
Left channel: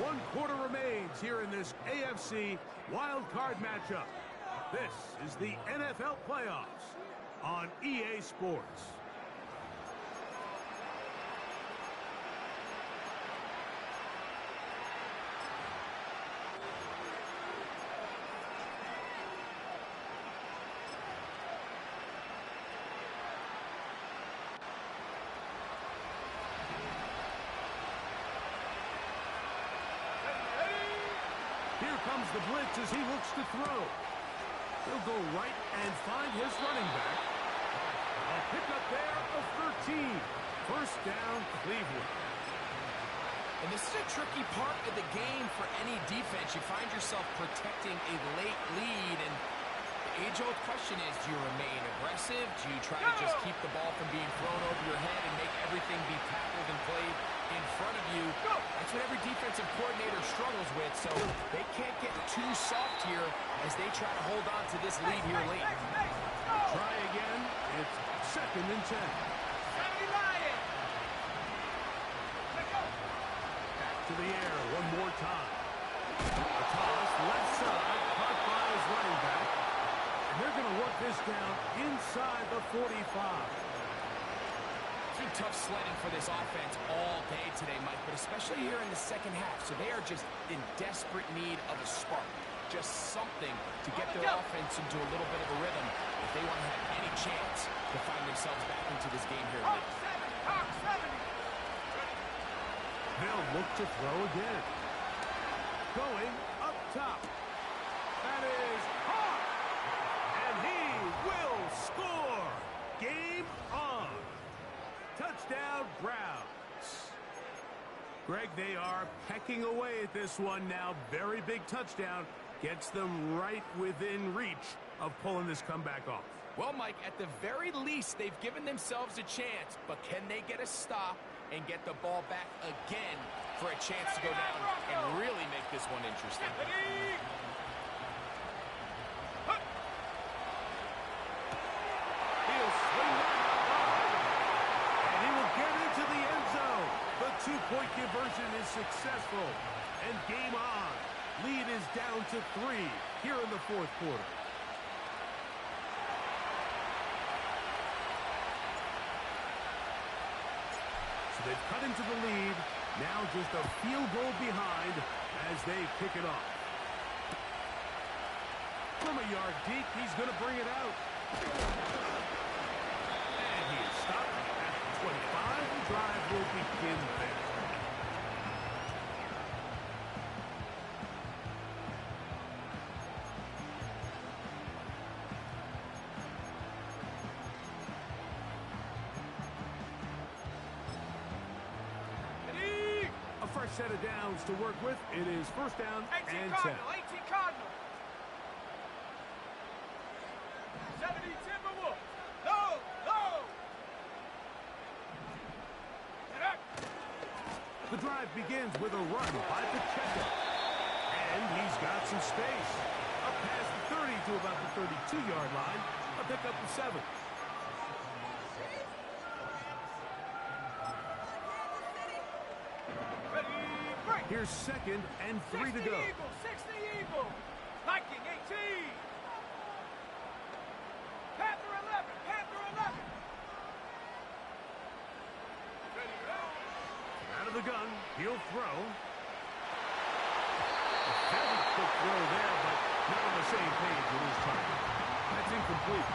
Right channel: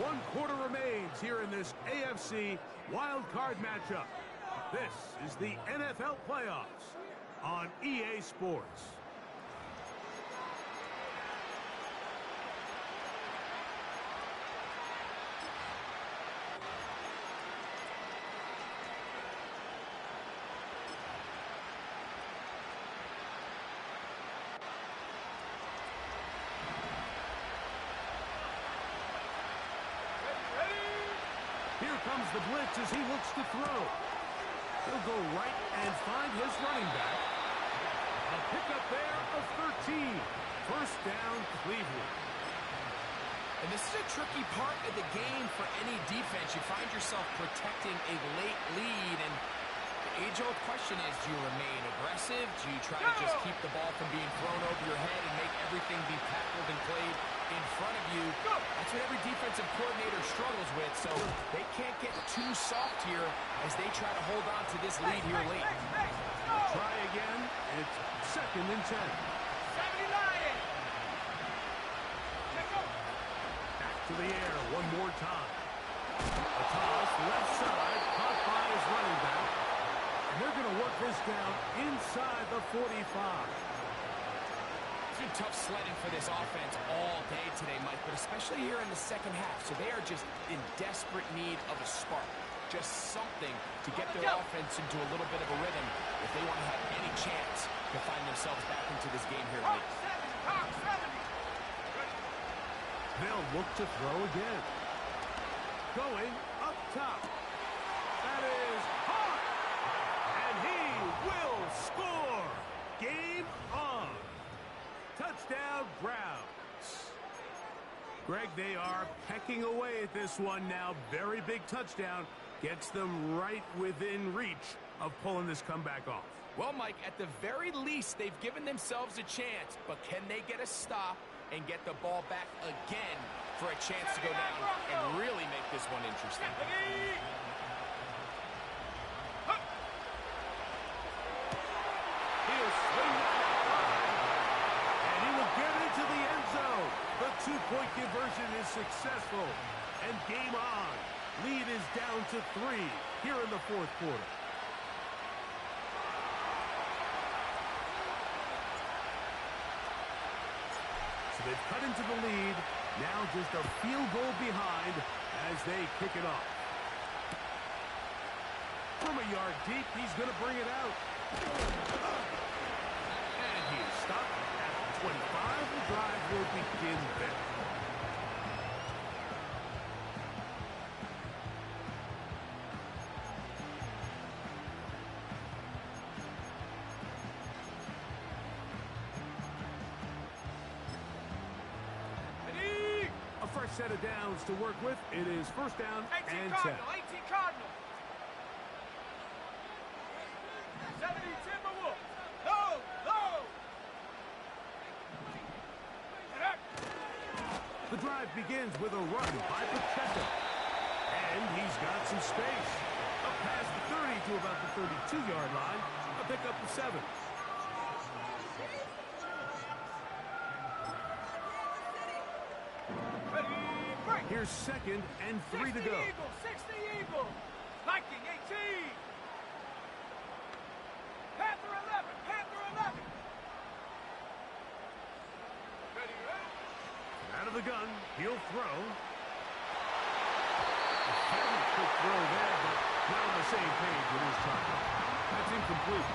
1 quarter remains here in this AFC wild card matchup. This is the NFL playoffs on EA Sports. Here comes the blitz as he looks to throw. He'll go right and find his running back. A pickup there of 13. 1st down, Cleveland. And this is a tricky part of the game for any defense. You find yourself protecting a late lead, and the age-old question is, do you remain aggressive? Do you try to just keep the ball from being thrown over your head and make everything be tackled and played in front of you? That's what every defensive coordinator struggles with, so they can't get too soft here as they try to hold on to this lead here late. Try again. It's 2nd and 10. 70 Lions. Let's go. Back to the air one more time. A toss left side, caught by his running back. And they're going to work this down inside the 45. It's been tough sledding for this offense all day today, Mike, but especially here in the 2nd half. So they are just in desperate need of a spark. Just something to get their offense into a little bit of a rhythm if they want to have any chance to find themselves back into this game here late. Hawk 70. They'll look to throw again. Going up top. That is hard. And he will score. Game on. Touchdown, Browns. Greg, they are pecking away at this one now. Very big touchdown. Gets them right within reach of pulling this comeback off. Well, Mike, at the very least, they've given themselves a chance, but can they get a stop and get the ball back again for a chance to go down and really make this one interesting? He'll swing that out wide, and he will get into the end zone. The 2-point conversion is successful, and game on. Lead is down to 3 here in the 4th quarter. So they've cut into the lead. Now just a field goal behind as they kick it off. From a yard deep, he's going to bring it out. And he is stopped at the 25. The drive will begin then. A fresh set of downs to work with. It is first down 18 and 10. Cardinal, 18 Cardinal. 70 Timberwolves. No, no. The drive begins with a run by Pacheco. And he's got some space. Up past the 30 to about the 32-yard line. A pickup of 7. Ready, break. Here's second and 3 to 60 go. Eagles, 60 Eagles. Viking 18. Panther 11, Panther 11. Ready, Out of the gun, he'll throw. A very quick throw there, but not on the same page with his target. That's incomplete.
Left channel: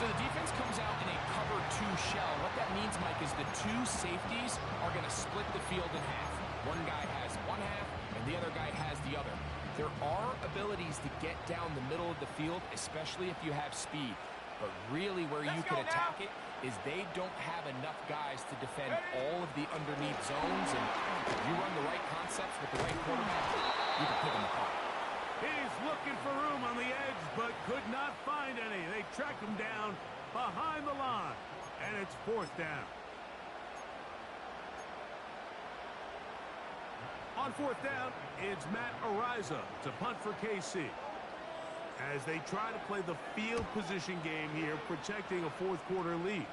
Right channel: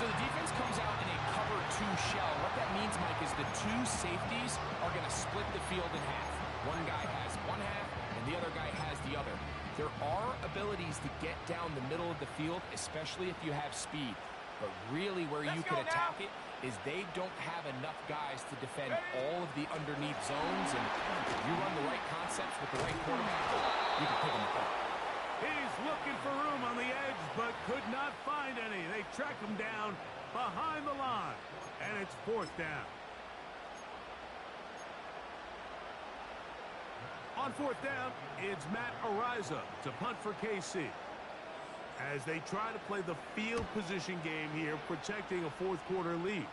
So the defense comes out in a cover 2 shell. What that means, Mike, is the 2 safeties are going to split the field in half. One guy has one half, and the other guy has the other. There are abilities to get down the middle of the field, especially if you have speed. But really where you can attack it is they don't have enough guys to defend all of the underneath zones. And if you run the right concepts with the right quarterback, you can pick them apart. He's looking for room on the edge, but could not find any. They track him down behind the line, and it's fourth down. On fourth down, it's Matt Ariza to punt for KC. As they try to play the field position game here, protecting a fourth-quarter lead.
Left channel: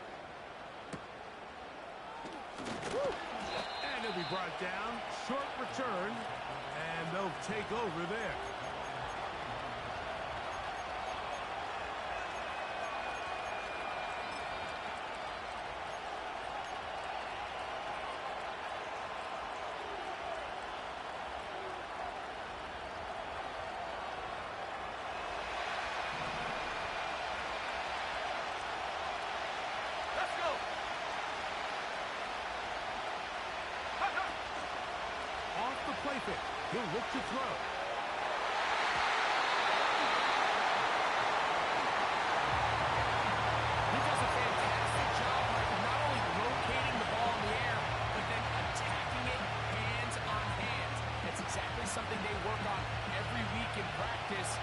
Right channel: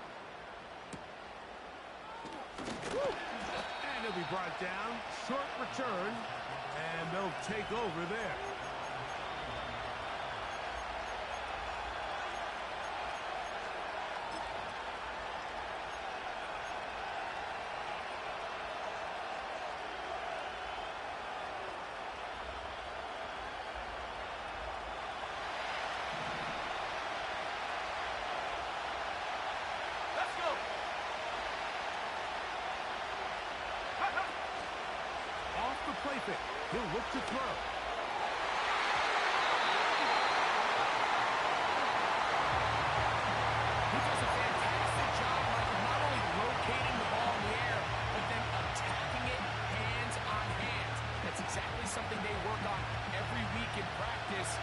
And he'll be brought down. Short return, and they'll take over there. Let's go. Off the play fake. He'll look to throw. He does a fantastic job, Mike, of not only locating the ball in the air, but then attacking it hands on hands. That's exactly something they work on every week in practice.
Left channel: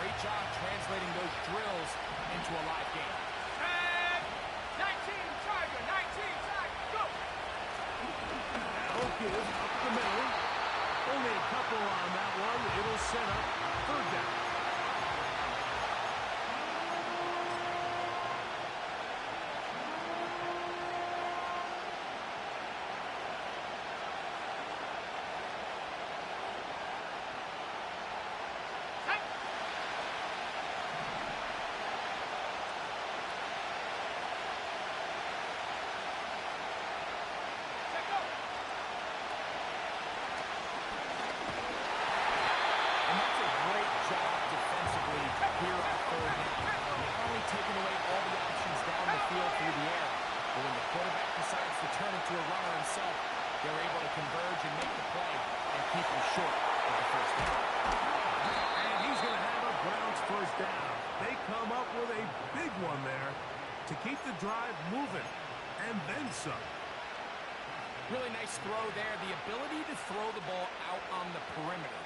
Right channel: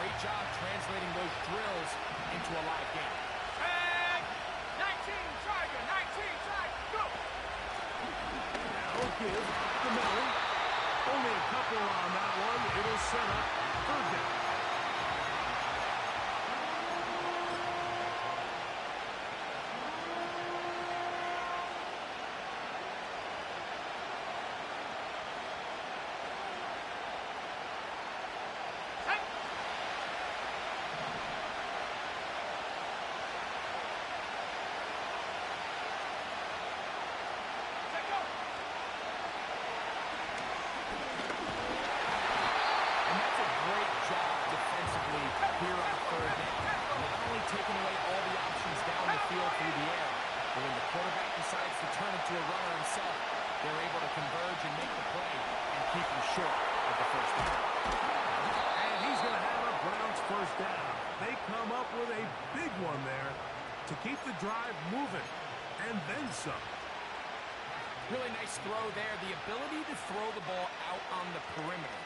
Great job translating those drills into a live game. And 19 Tiger, 19 Tiger, go. Now give up the middle. Only a couple on that one. It'll set up third down. Set. Set, go. And that's a great job defensively here on third down. Not only taking away all the options down the field through the air, but when the quarterback decides to turn into a runner himself, they're able to converge and make the play and keep him short of the first down. And he's going to have a Browns first down. They come up with a big one there to keep the drive moving. And then some. Really nice throw there. The ability to throw the ball out on the perimeter.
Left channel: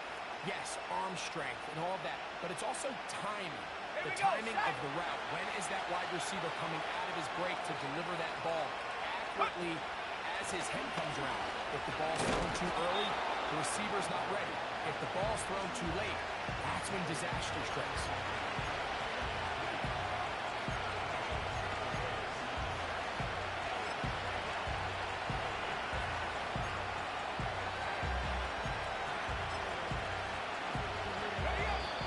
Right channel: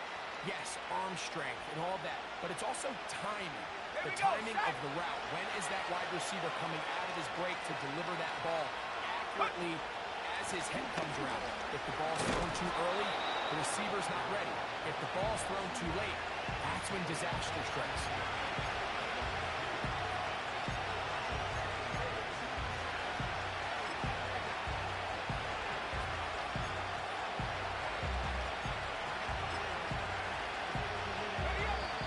Yes, arm strength and all that, but it's also timing. The timing of the route. When is that wide receiver coming out of his break to deliver that ball accurately as his head comes around? If the ball's thrown too early, the receiver's not ready. If the ball's thrown too late, that's when disaster strikes.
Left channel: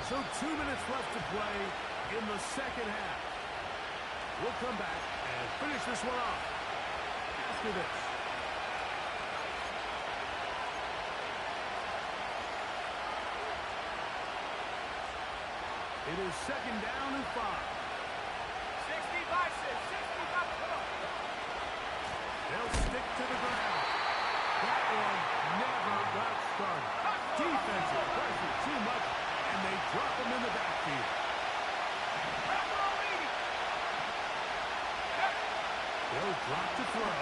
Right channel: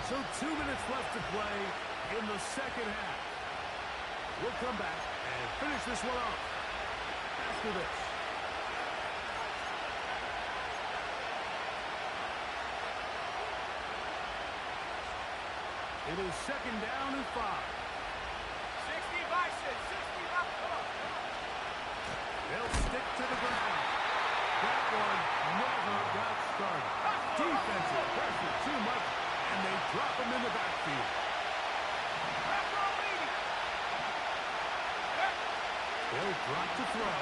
So 2 minutes left to play in the second half. We'll come back and finish this one off after this. It is second down and 5. 60 vices, 60 vices. Come on, come on. They'll stick to the ground. That one never got started. Defensive pressure too much, and they drop him in the backfield. They'll drop to throw.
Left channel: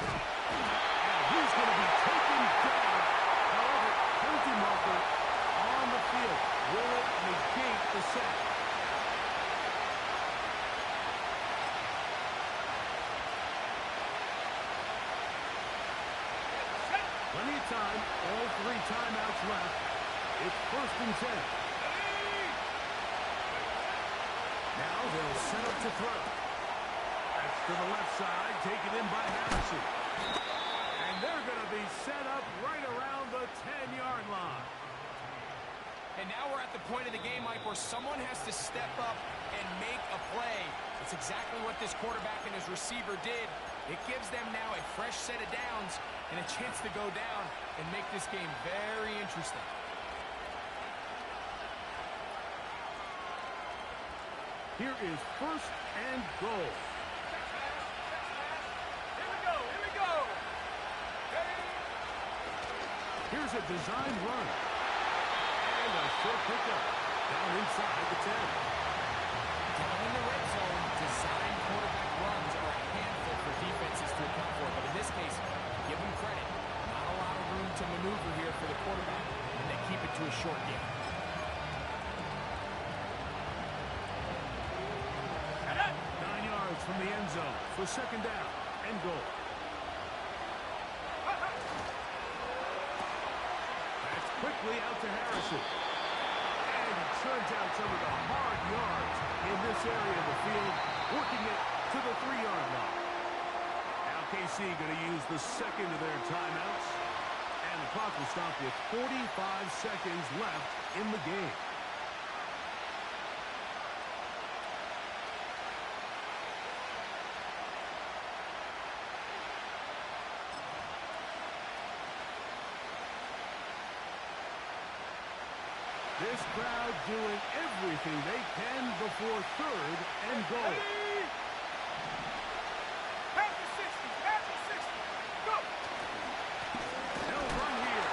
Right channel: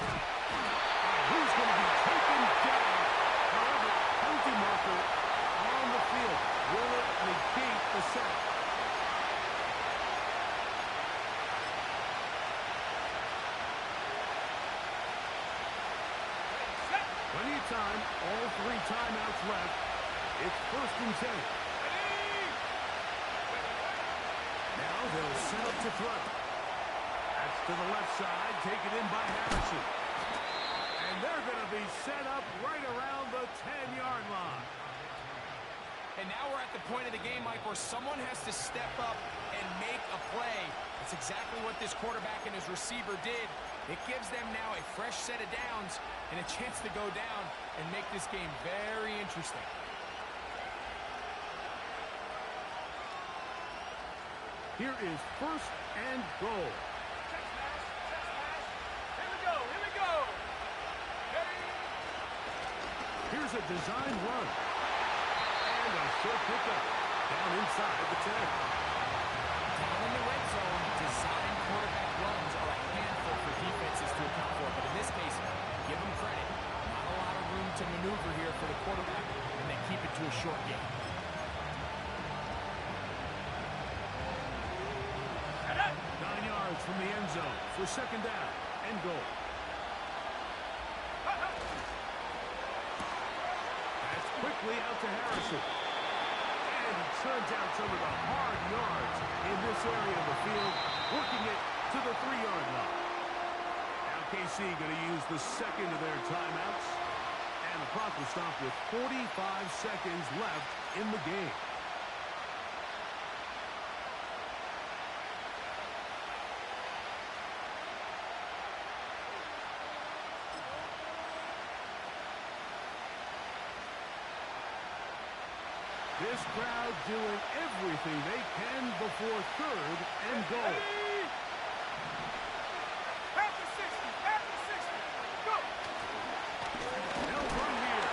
And he's going to be taken down. However, penalty marker on the field. Will it negate the sack? Plenty of time. All 3 timeouts left. It's 1st and 10. Now they'll set up to throw. That's to the left side, taken in by Harrison. And they're going to be set up right around the 10-yard line. And now we're at the point of the game, Mike, where someone has to step up and make a play. That's exactly what this quarterback and his receiver did. It gives them now a fresh set of downs and a chance to go down and make this game very interesting. Here is 1st and goal. Check smash, check smash. Here we go, here we go. Ready? Here's a design run. And a short pickup. Down inside the 10. Down in the red zone, design quarterback runs are a handful for defenses to account for. But in this case, give them credit. Not a lot of room to maneuver here for the quarterback, and they keep it to a short game. 9 yards from the end zone for 2nd down and goal. That's quickly out to Harrison. And he turns out some of the hard yards in this area of the field, working it to the 3-yard line. Now KC going to use the second of their timeouts. And the clock will stop with 45 seconds left in the game. This crowd doing everything they can before 3rd and goal. At the 60, at the 60. Go! They'll run here.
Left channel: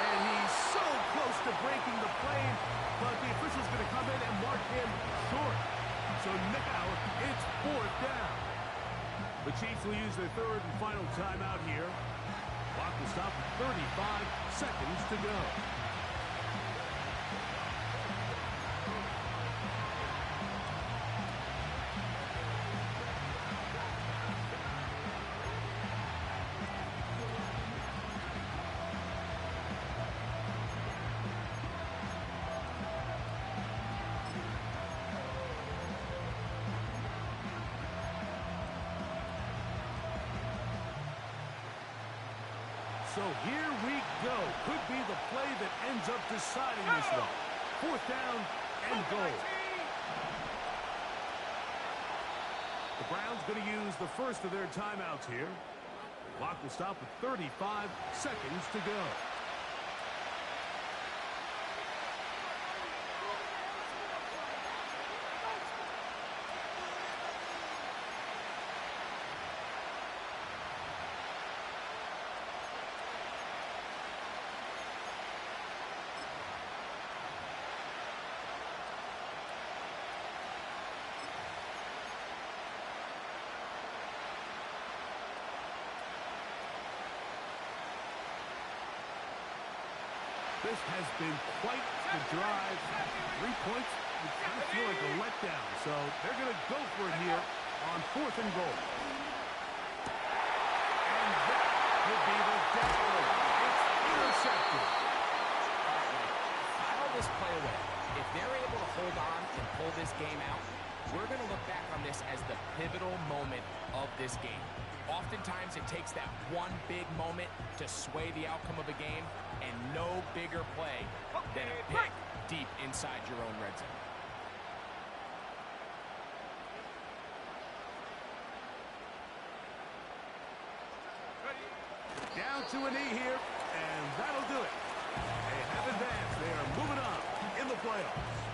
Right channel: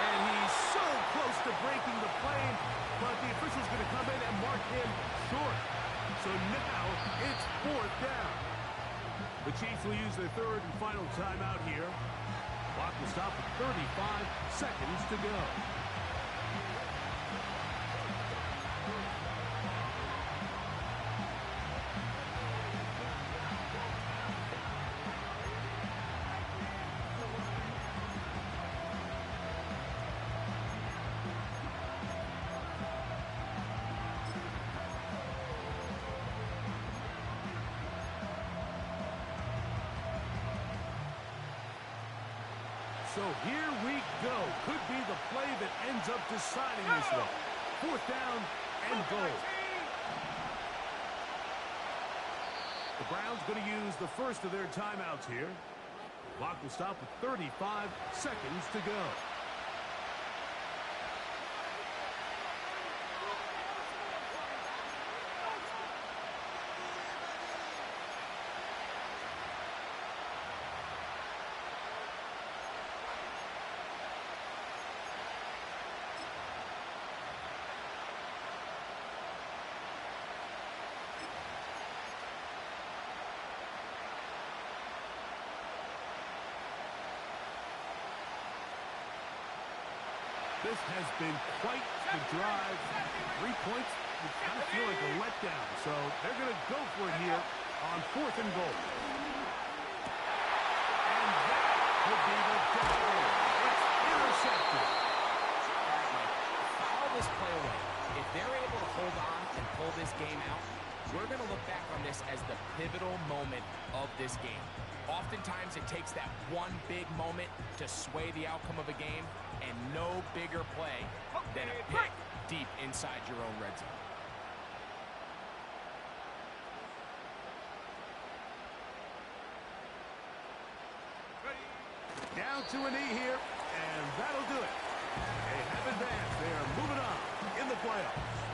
And he's so close to breaking the plane, but the official's going to come in and mark him short. So now it's 4th down. The Chiefs will use their 3rd and final timeout here. Clock will stop with 35 seconds to go. So here we go. Could be the play that ends up deciding this one. 4th down and goal. The Browns going to use the first of their timeouts here. Clock will stop with 35 seconds to go. This has been quite the drive. 3 points, you kind of feel like a letdown. So they're going to go for it here on 4th and goal. And that could be the dagger. It's intercepted. All right, Mike, file this play away. If they're able to hold on and pull this game out, we're going to look back on this as the pivotal moment of this game. Oftentimes, it takes that one big moment to sway the outcome of a game, and no bigger play than a pick deep inside your own red zone. Down to a knee here, and that'll do it. They have advanced. They are moving on in the the playoffs.